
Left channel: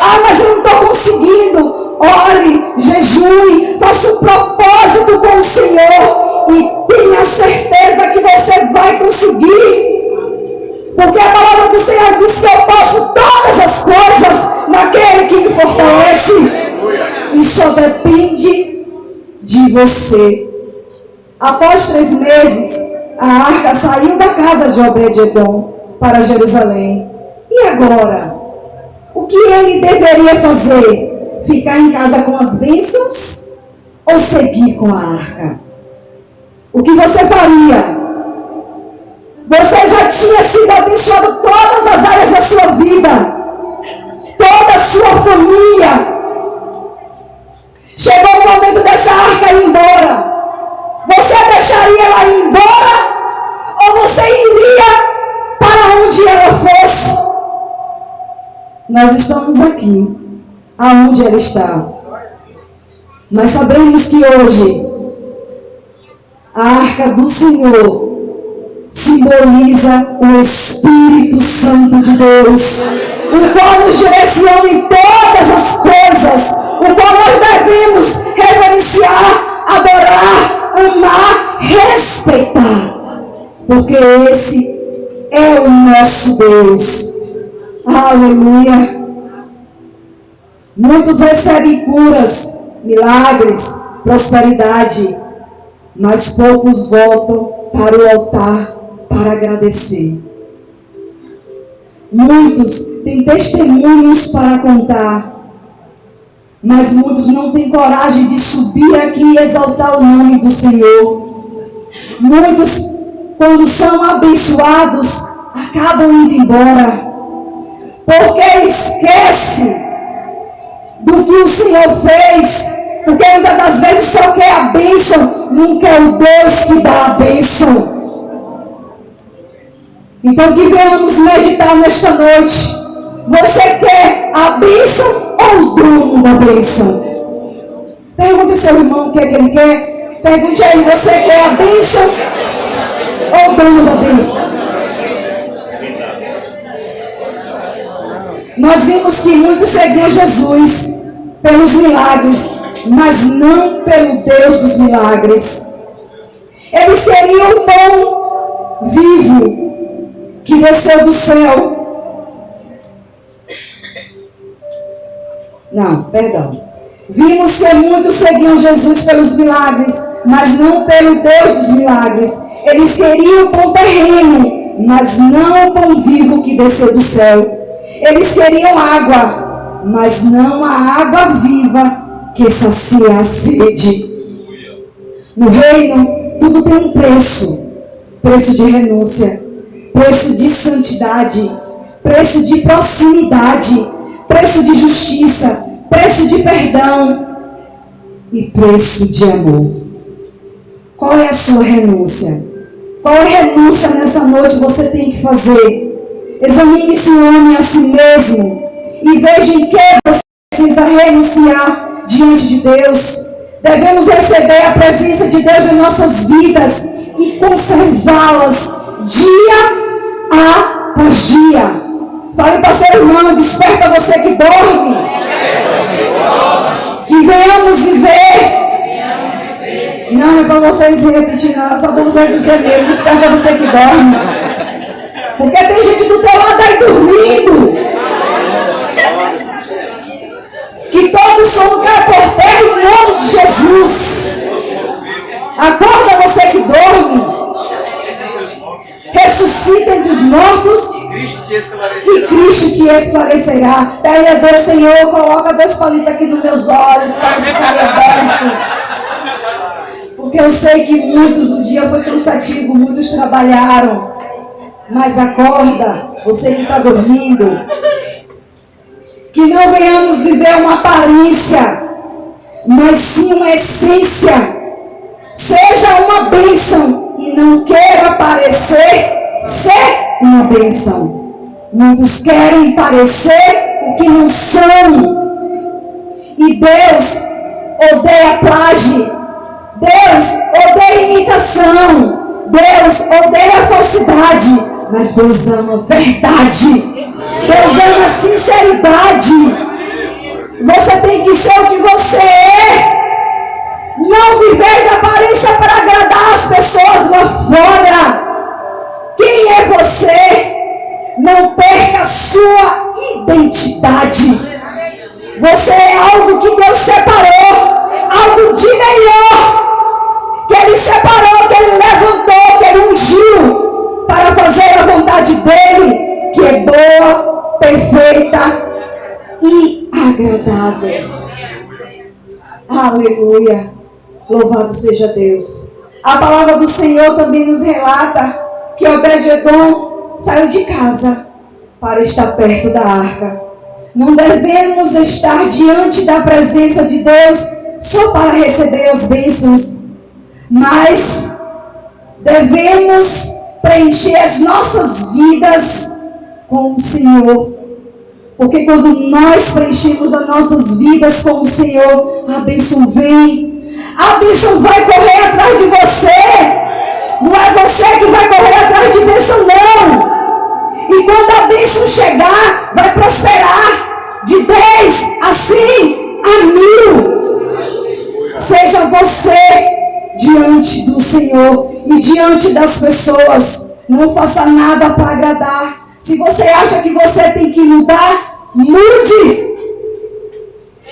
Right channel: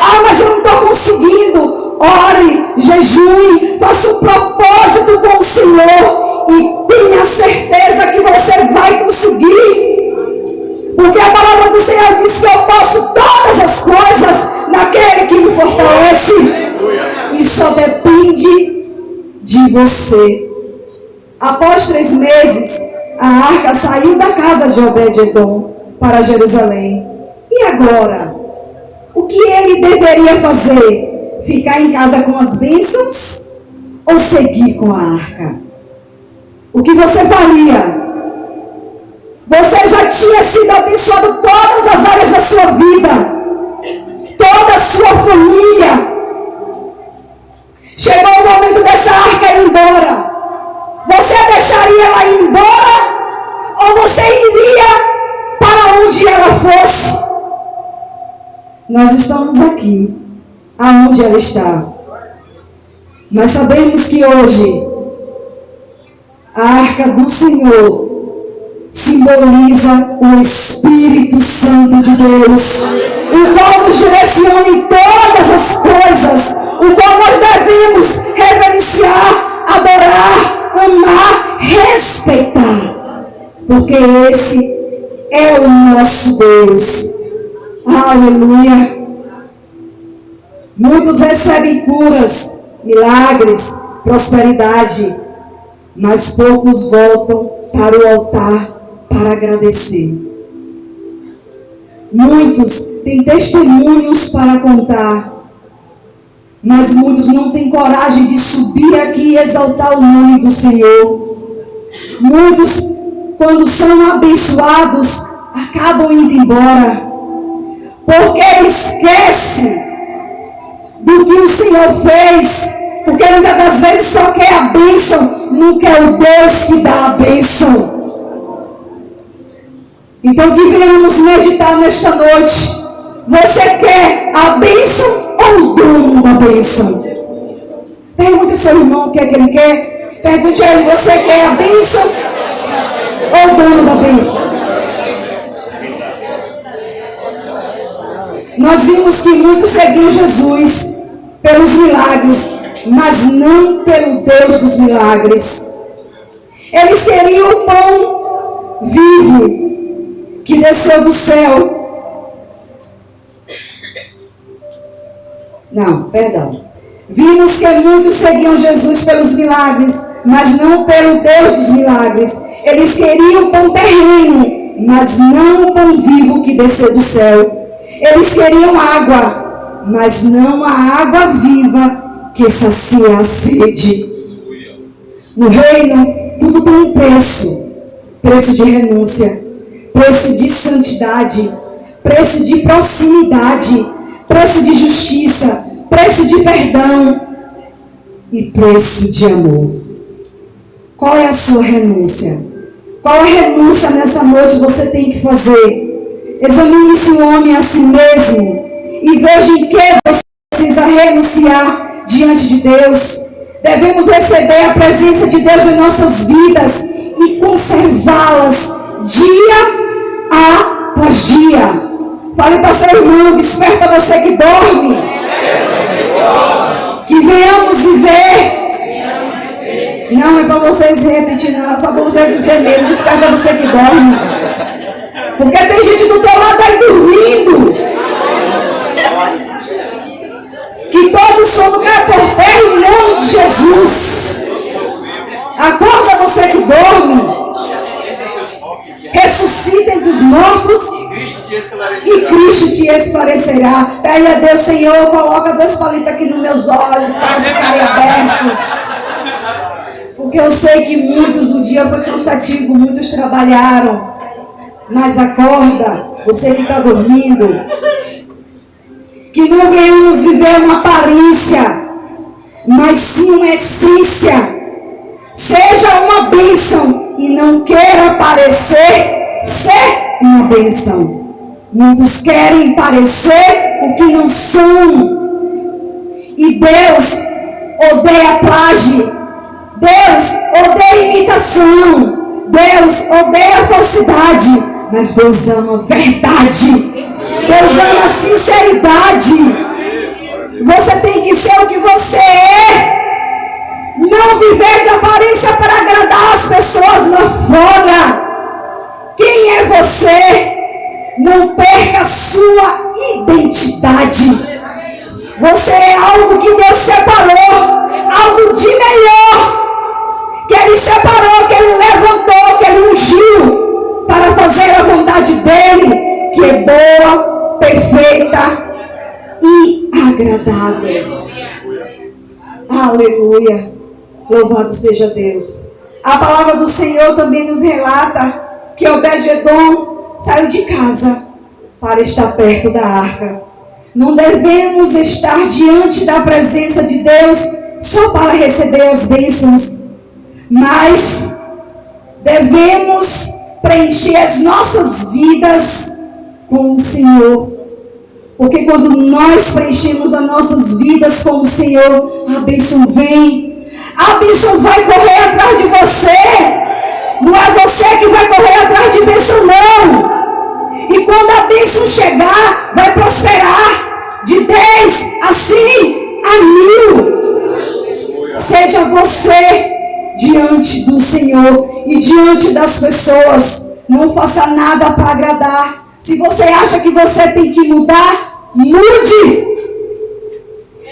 Ah, mas eu não estou conseguindo. Ore, jejue, faça um propósito com o Senhor e tenha certeza que você vai conseguir. Porque a palavra do Senhor diz que eu posso todas as coisas naquele que me fortalece. E só depende de você. Após 3 meses, a arca saiu da casa de Obed-edom para Jerusalém. E agora? O que ele deveria fazer? Ficar em casa com as bênçãos ou seguir com a arca? O que você faria? Você já tinha sido abençoado em todas as áreas da sua vida. Toda a sua família. Chegou o momento dessa arca ir embora. Você deixaria ela ir embora? Ou você iria para onde ela fosse? Nós estamos aqui, aonde ela está. Mas sabemos que hoje a arca do Senhor simboliza o Espírito Santo de Deus, o qual nos direciona em todas as coisas, o qual nós devemos reverenciar, adorar, amar, respeitar, porque esse é o nosso Deus. Aleluia. Muitos recebem curas, milagres, prosperidade, mas poucos voltam para o altar para agradecer. Muitos têm testemunhos para contar, mas muitos não têm coragem de subir aqui e exaltar o nome do Senhor. Muitos, quando são abençoados, acabam indo embora. porque esquece do que o Senhor fez, porque muitas das vezes só quer a bênção, não quer o Deus que dá a bênção. Então que venhamos meditar nesta noite. Você quer a bênção ou o dono da bênção? Pergunte ao seu irmão o que é que ele quer. Pergunte a ele, você quer a bênção ou o dono da bênção? Nós vimos que muitos seguiam Jesus pelos milagres, mas não pelo Deus dos milagres. Eles queriam o pão vivo que desceu do céu. Não, perdão. Vimos que muitos seguiam Jesus pelos milagres, mas não pelo Deus dos milagres. Eles queriam o pão terreno, mas não o pão vivo que desceu do céu. Eles queriam água, mas não a água viva que sacia a sede. No reino, tudo tem um preço. Preço de renúncia, preço de santidade, preço de proximidade, preço de justiça, preço de perdão e preço de amor. Qual é a sua renúncia? Qual a renúncia nessa noite você tem que fazer? Examine-se o homem a si mesmo e veja em que você precisa renunciar diante de Deus. Devemos receber a presença de Deus em nossas vidas e conservá-las dia após dia. Fale para seu irmão, desperta você que dorme. Que venhamos viver. E não é para vocês repetir, não, só vamos dizer mesmo, desperta você que dorme. Porque tem gente do teu lado aí dormindo. Que todos somos cair por terra em nome de Jesus. Acorda você que dorme. Ressuscita entre os mortos e Cristo te esclarecerá. Pede a Deus, Senhor, coloca 2 palitos aqui nos meus olhos para ficarem abertos. Porque eu sei que muitos no dia foi cansativo, muitos trabalharam. Mas acorda, você que está dormindo. Que não venhamos viver uma aparência, mas sim uma essência. Seja uma bênção e não queira parecer ser uma bênção. Muitos querem parecer o que não são. E Deus odeia plágio. Deus odeia imitação. Deus odeia falsidade. Mas Deus ama verdade. Deus ama sinceridade. Você tem que ser o que você é. Não viver de aparência para agradar as pessoas lá fora. Quem é você? Não perca a sua identidade. Você é algo que Deus separou. Algo de melhor. Que Ele separou, que Ele levantou, que Ele ungiu para fazer a vontade dEle, que é boa, perfeita e agradável. Aleluia. Louvado seja Deus. A palavra do Senhor também nos relata que Obed-edom saiu de casa para estar perto da arca. Não devemos estar diante da presença de Deus só para receber as bênçãos, mas devemos preencher as nossas vidas com o Senhor. Porque quando nós preenchemos as nossas vidas com o Senhor, a bênção vem. A bênção vai correr atrás de você. Não é você que vai correr atrás de bênção, não. E quando a bênção chegar, vai prosperar de 10 a 100 a 1000. Seja você diante do Senhor e diante das pessoas. Não faça nada para agradar. Se você acha que você tem que mudar, mude.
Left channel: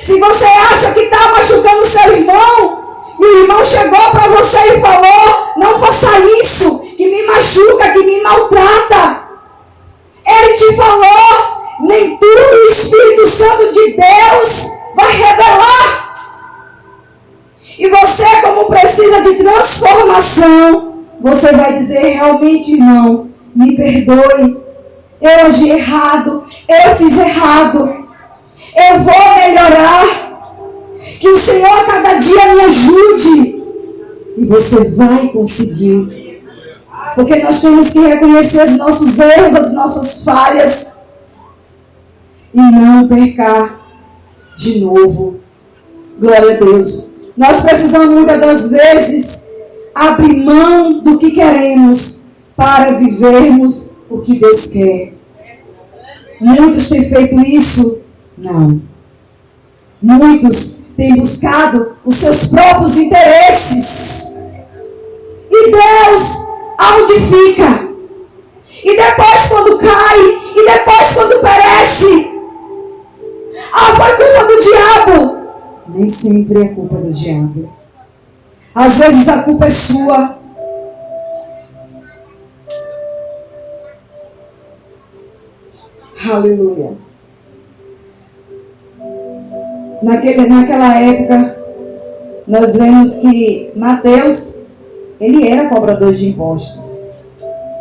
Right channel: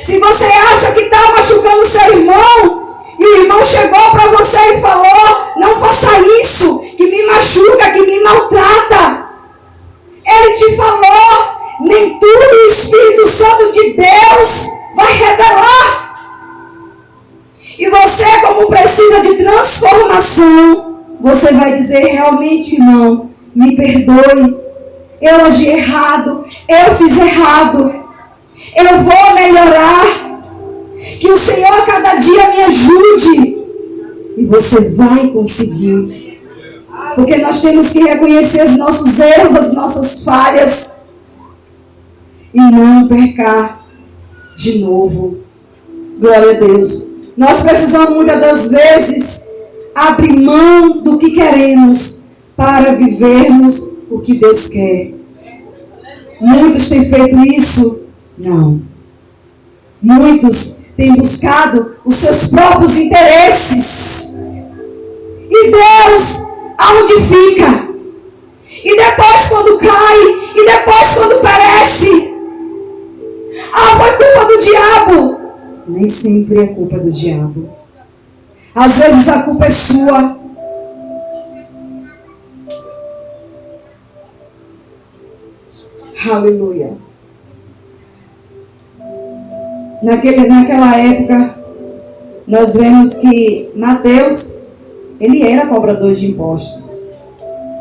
Se você acha que está machucando o seu irmão, e o irmão chegou para você e falou, não faça isso, que me machuca, que me maltrata. Ele te falou, nem tudo o Espírito Santo de Deus vai revelar. E você, como precisa de transformação, você vai dizer, realmente, irmão, me perdoe. eu agi errado, eu fiz errado, eu vou melhorar. Que o Senhor a cada dia me ajude. E você vai conseguir. Porque nós temos que reconhecer os nossos erros, as nossas falhas. E não pecar de novo. Glória a Deus. Nós precisamos muitas das vezes abrir mão do que queremos para vivermos o que Deus quer. Muitos têm feito isso? Não. Muitos têm buscado os seus próprios interesses. E Deus, aonde fica? E depois quando cai, e depois quando perece, foi culpa do diabo. Nem sempre é culpa do diabo. Às vezes a culpa é sua. Aleluia. Naquela época, nós vemos que Mateus, ele era cobrador de impostos.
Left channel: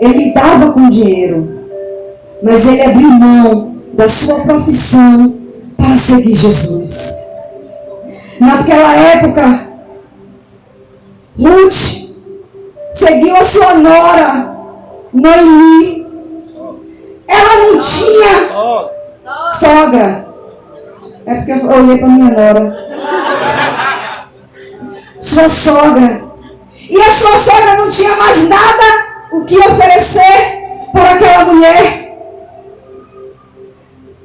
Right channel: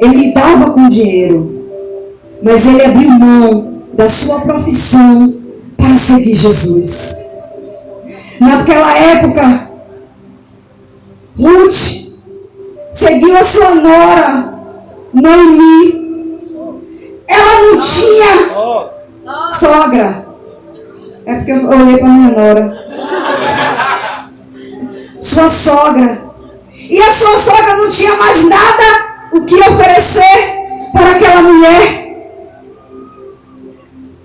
Ele dava com dinheiro. Mas ele abriu mão da sua profissão para seguir Jesus. Naquela época, Ruth seguiu a sua nora, Noemi. Ela não tinha sogra. É porque eu olhei para minha nora. Sua sogra. E a sua sogra não tinha mais nada o que oferecer para aquela mulher.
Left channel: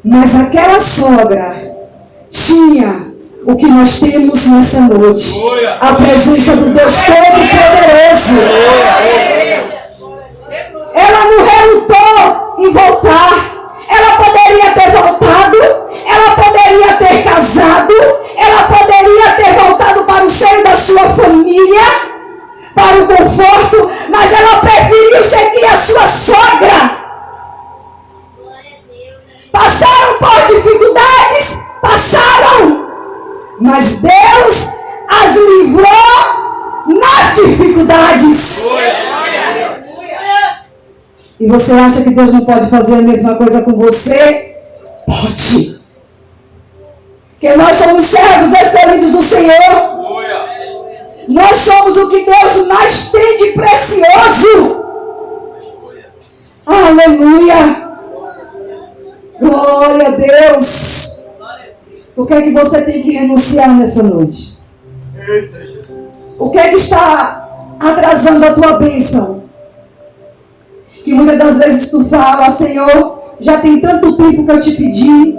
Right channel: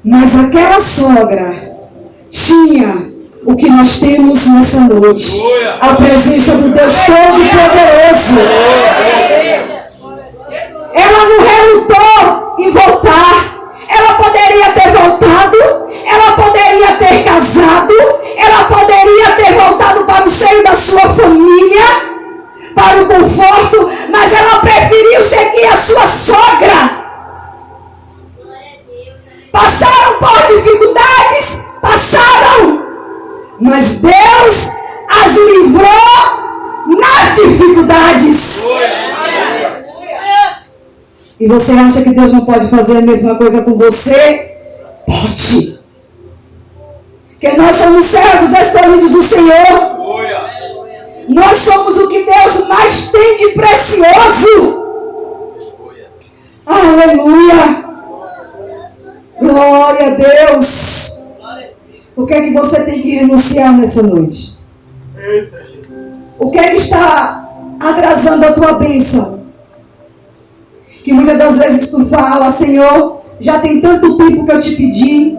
Mas aquela sogra tinha o que nós temos nessa noite. A presença do Deus Todo-Poderoso. Ela não relutou em voltar. Ela poderia ter voltado. Ela poderia ter casado. Ela poderia ter voltado para o seio da sua família, para o conforto. Mas ela preferiu seguir a sua sogra. Passaram por dificuldades. Passaram. Mas Deus as livrou nas dificuldades. E você acha que Deus não pode fazer a mesma coisa com você? Pode. Porque nós somos servos escolhidos do Senhor. Nós somos o que Deus mais tem de precioso. Aleluia. Glória a Deus. O que é que você tem que renunciar nessa noite? O que é que está atrasando a tua bênção? Que muitas das vezes tu fala, Senhor, já tem tanto tempo que eu te pedi.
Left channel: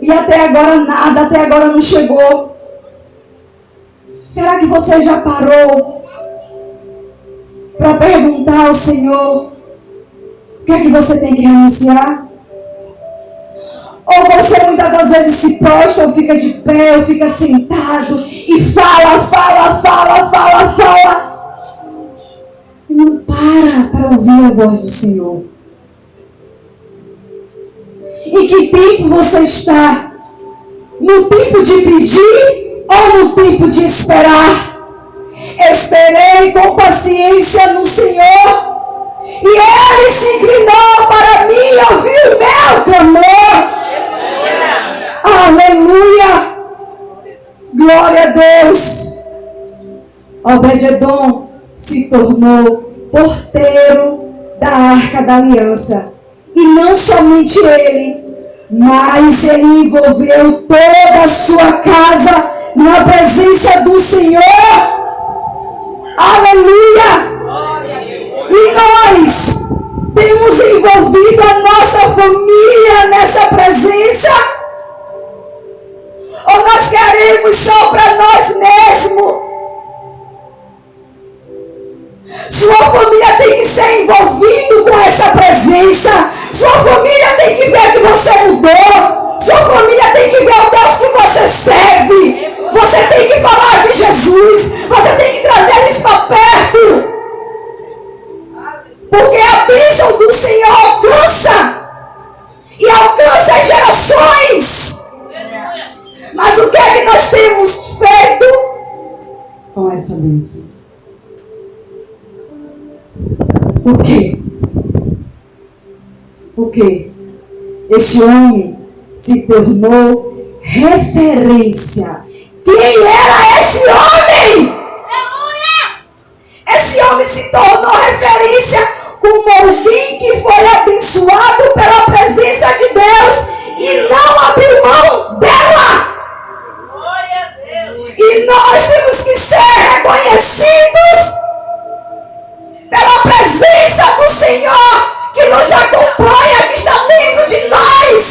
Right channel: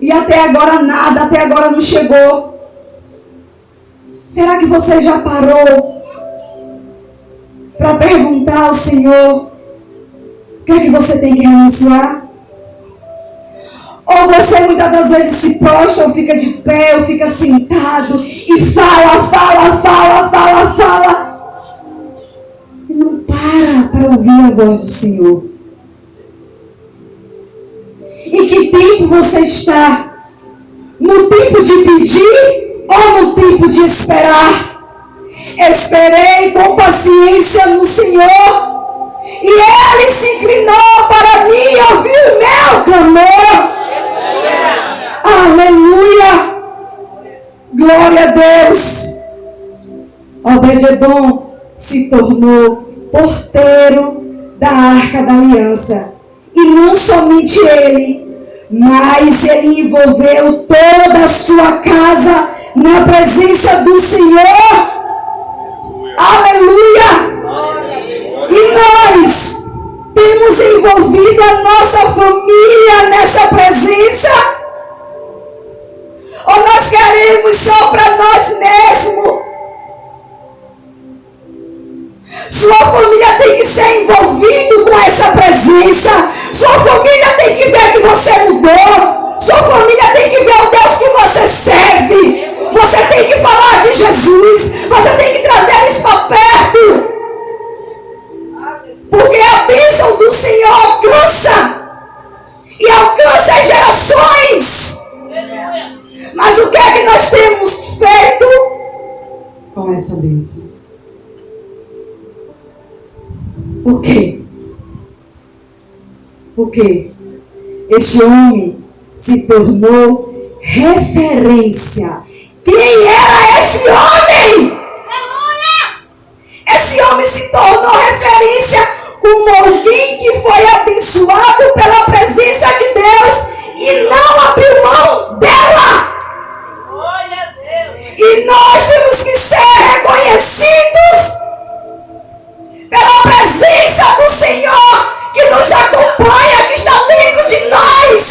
E até agora nada, até agora não chegou. Será que você já parou para perguntar ao Senhor o que é que você tem que renunciar? Ou você muitas das vezes se prostra, ou fica de pé, ou fica sentado e fala. E não para ouvir a voz do Senhor. Em que tempo você está? No tempo de pedir ou no tempo de esperar? Esperei com paciência no Senhor. E Ele se inclinou para mim e ouviu o meu clamor. Aleluia. Glória a Deus. Obed-edom se tornou porteiro da Arca da Aliança. E não somente ele, mas ele envolveu toda a sua casa na presença do Senhor. Aleluia. E nós temos envolvido a nossa família nessa presença? Ou nós queremos só para nós mesmos? Sua família tem que ser envolvido com essa presença. Sua família tem que ver que você mudou. Sua família tem que ver o Deus que você serve. Você tem que falar de Jesus. Você tem que trazer eles para perto. Porque a bênção do Senhor alcança. E alcança as gerações. Mas o que é que nós temos feito com essa bênção? Por quê? Porque este homem se tornou referência. Quem era este homem? Esse homem se tornou referência como alguém que foi abençoado pela presença de Deus e não abriu mão dela. Glória a Deus. E nós temos que ser reconhecidos pela presença do Senhor que nos acompanha, que está dentro de nós.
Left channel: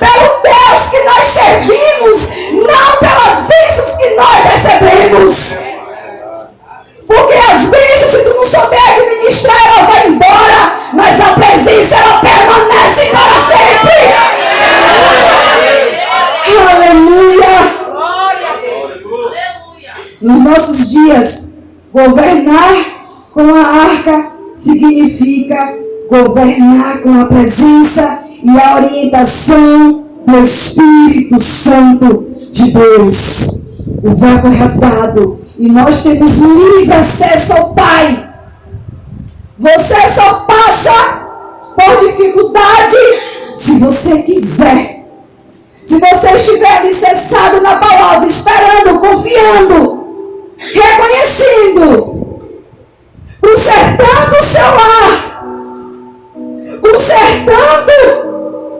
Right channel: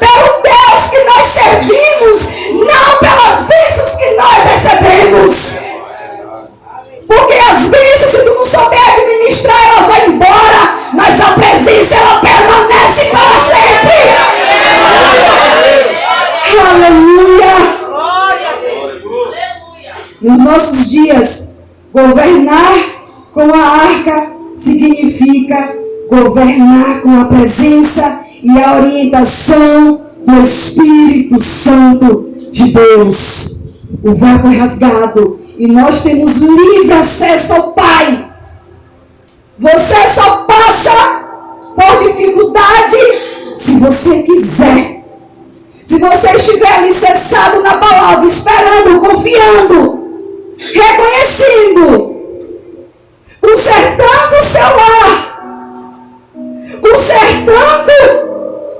Pelo Deus que nós servimos, não pelas bênçãos que nós recebemos. Porque as bênçãos, se tu não souber administrar, ela vai embora, mas a presença, ela permanece para sempre. Aleluia! Glória a Deus. Aleluia. Nos nossos dias, governar com a arca significa governar com a presença e a orientação do Espírito Santo de Deus. O véu foi rasgado e nós temos livre acesso ao Pai. Você só passa por dificuldade se você quiser. Se você estiver alicerçado na palavra, esperando, confiando, reconhecendo, consertando o seu lar, consertando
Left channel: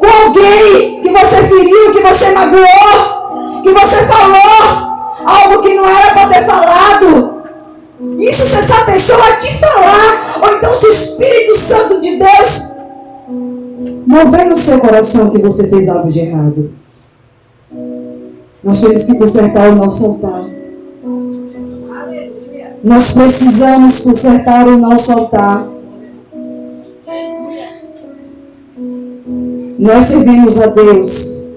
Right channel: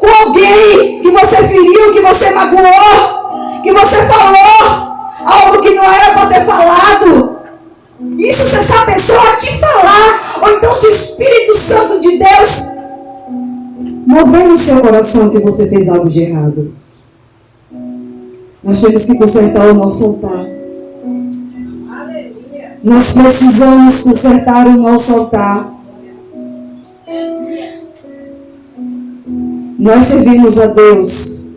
com alguém que você feriu, que você magoou, que você falou algo que não era para ter falado. Isso se essa pessoa te falar, ou então se o Espírito Santo de Deus mover no seu coração que você fez algo de errado. Nós temos que consertar o nosso altar. Nós precisamos consertar o nosso altar. Nós servimos a Deus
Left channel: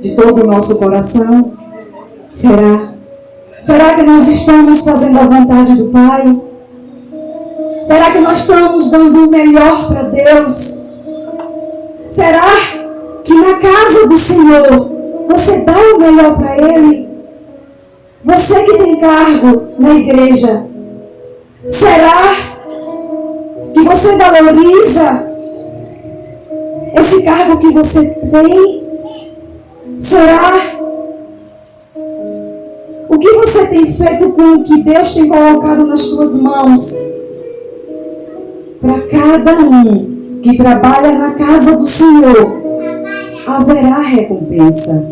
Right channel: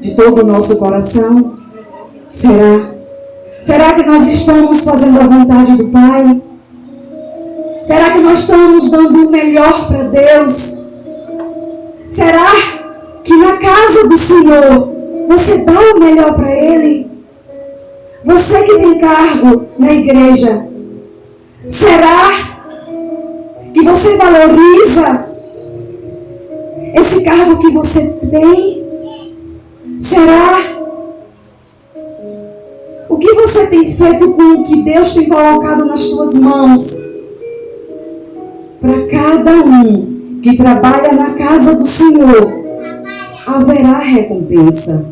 de todo o nosso coração? Será? Será que nós estamos fazendo a vontade do Pai? Será que nós estamos dando o melhor para Deus? Será que na casa do Senhor você dá o melhor para Ele? Você que tem cargo na igreja, será que você valoriza esse cargo que você tem? Será? O que você tem feito com o que Deus tem colocado nas tuas mãos? Para cada um que trabalha na casa do Senhor, haverá recompensa.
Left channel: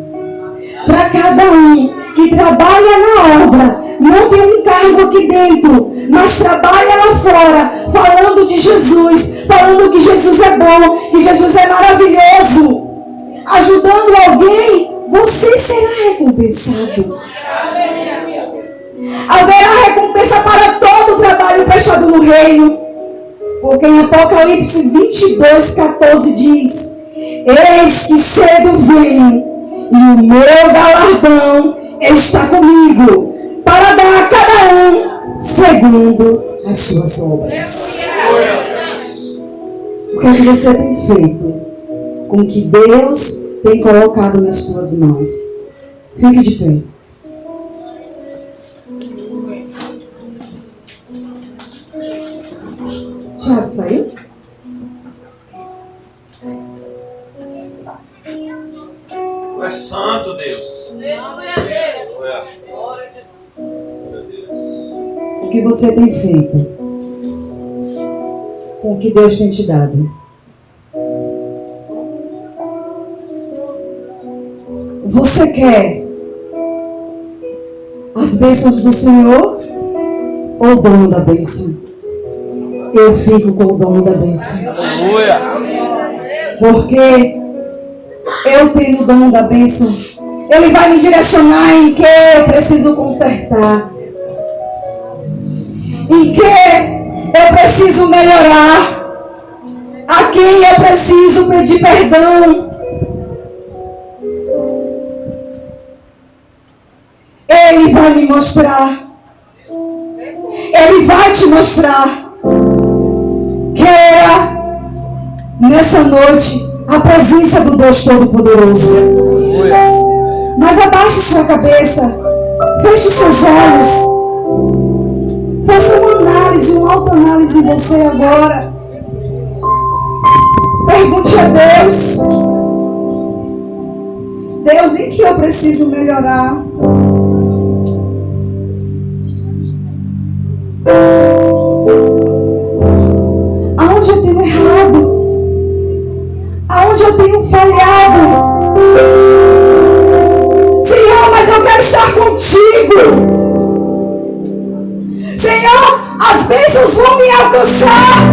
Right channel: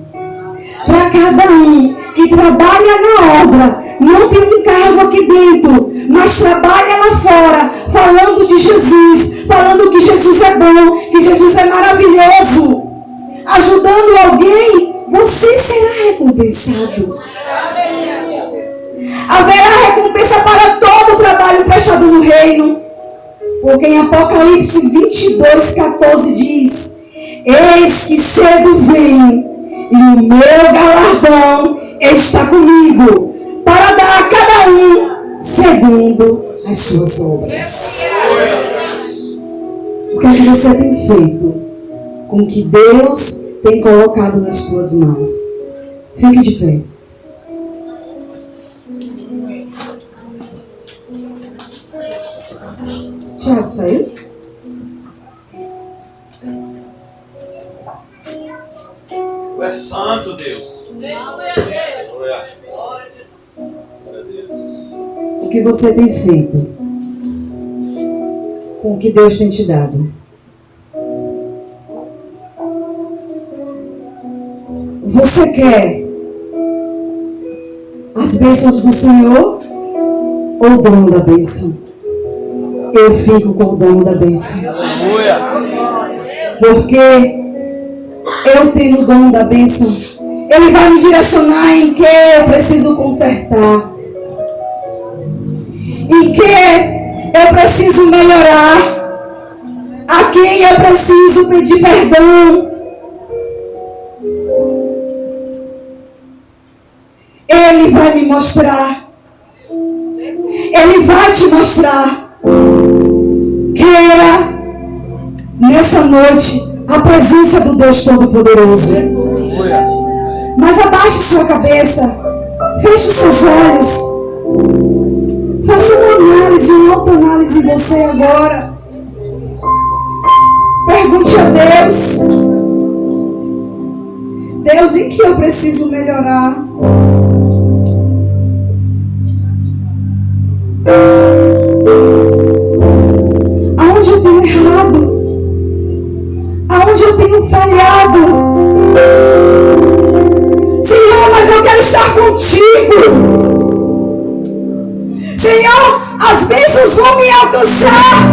Para cada um que trabalha na obra, não tem um cargo aqui dentro, mas trabalha lá fora, falando de Jesus, falando que Jesus é bom, que Jesus é maravilhoso, ajudando alguém, você será recompensado. Haverá recompensa para todo o trabalho prestado no reino. Porque em Apocalipse 22:14 diz: eis que cedo venho, e o meu galardão está comigo, para dar a cada um segundo as suas obras. O que é que você tem feito com o que Deus tem colocado nas suas mãos? Fique de pé. Tiago saiu? Tu és santo, Deus. Glória a Deus. Glória a Deus. O que você tem feito com o que Deus tem te dado? Você quer as bênçãos do Senhor ou o dono da bênção? Eu fico com o dono da bênção. Aleluia. Porque eu tenho o dono da bênção. Ele vai me direcionar em que eu preciso consertar, em que eu preciso melhorar, a quem eu preciso pedir perdão. Ele vai me mostrar. Ele vai te mostrar. Queira nessa noite a presença do Deus Todo-Poderoso. Mas abaixe sua cabeça, feche os seus olhos, faça uma análise, uma autoanálise em você agora. a Deus. Deus, em que eu preciso melhorar? Aonde eu tenho errado? Aonde eu tenho falhado? Senhor, mas eu quero estar contigo. Senhor, as bênçãos vão me alcançar,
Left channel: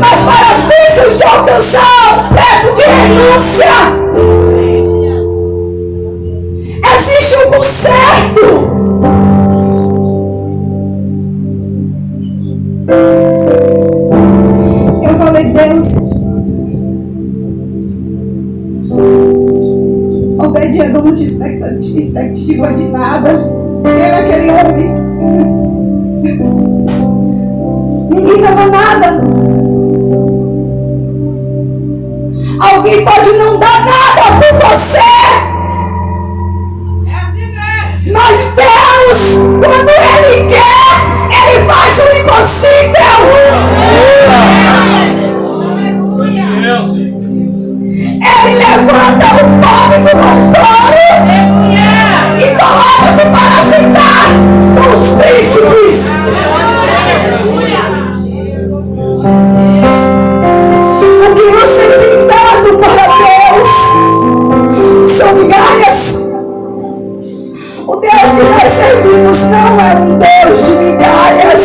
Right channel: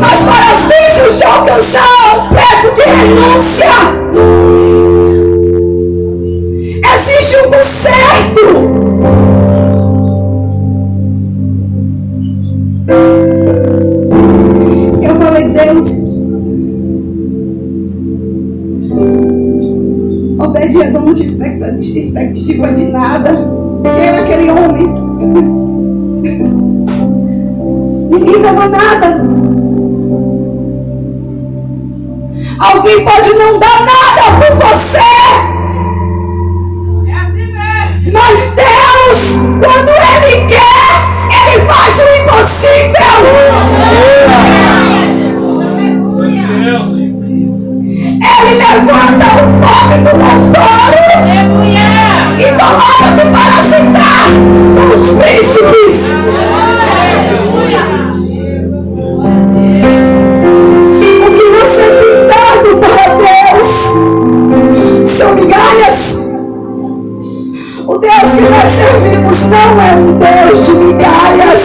mas para as bênçãos te alcançar, um preço de renúncia. Existe um conserto. Eu falei, Deus, Obed-Edom não tinha expectativa de nada. Quem era aquele homem? Ninguém dava nada. Alguém pode não dar nada por você. É assim mesmo. Mas Deus, quando Ele quer, Ele faz o impossível. Ele levanta o pobre do montoro e coloca-se para sentar com os príncipes. O que você tem dado para Deus são migalhas. O Deus que nós servimos não é um Deus de migalhas.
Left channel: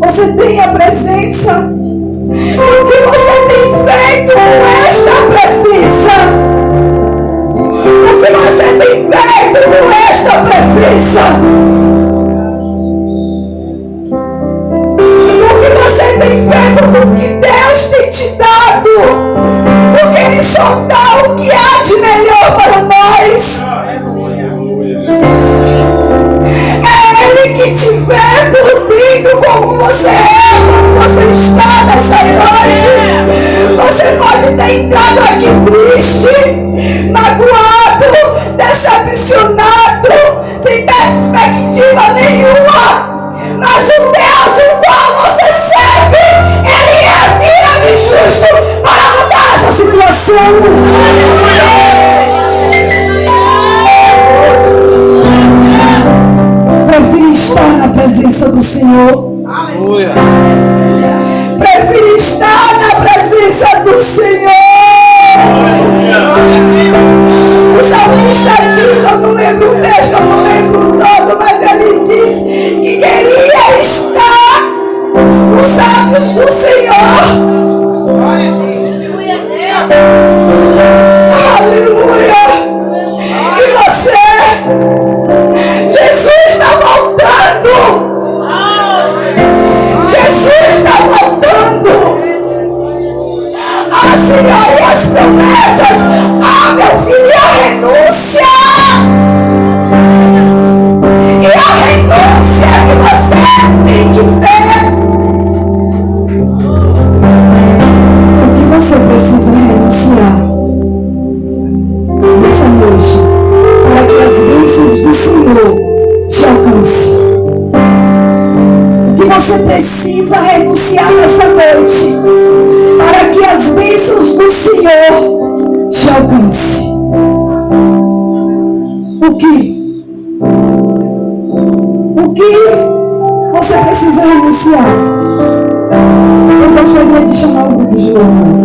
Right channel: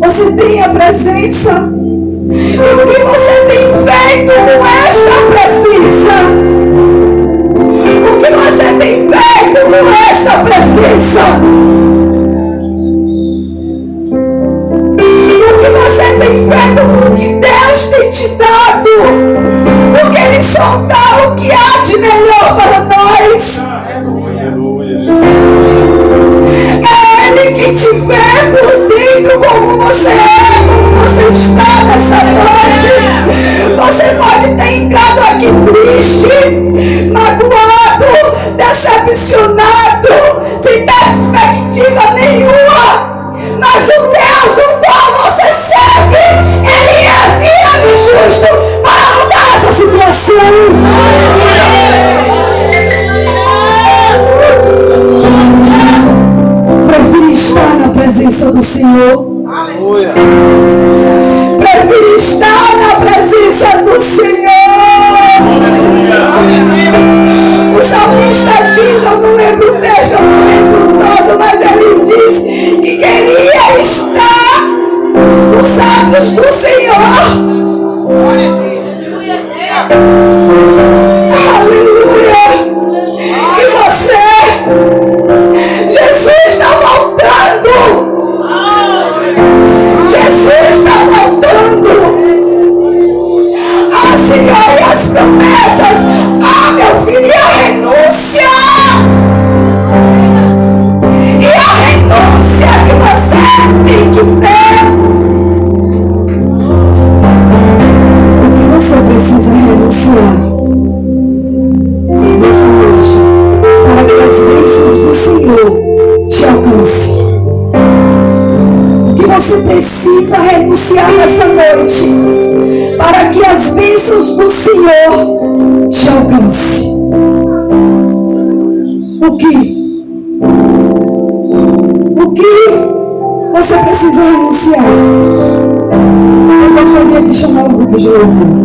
Você tem a presença. E o que você tem feito com esta presença? O que você tem feito com esta presença? O que você tem feito com o que Deus tem te dado? Porque Ele só dá o que há de melhor para nós. É Ele que te vê por dentro como você é, como você está nessa noite. Você pode ter entrado aqui triste, magoado, decepcionado, sem perspectiva nenhuma. Mas o Deus o qual você serve, Ele é fiel e justo para mudar essa situação. Prefiro estar na presença do Senhor. Aleluia. Prefiro estar na presença do Senhor. O salmista diz, eu não lembro o texto, eu não lembro todo, mas ele diz que queria estar nos atos do Senhor. Aleluia. E você? Jesus está voltando. Jesus está voltando. Ah, Senhor, e as promessas? Ah, meu filho, e a renúncia? E a renúncia que você tem que ter? O que você precisa renunciar nessa noite para que as bênçãos do Senhor te alcancem? Você precisa renunciar nessa noite para que as bênçãos do Senhor te alcancem. O que você precisa renunciar? Eu gostaria de chamar o grupo de louvor.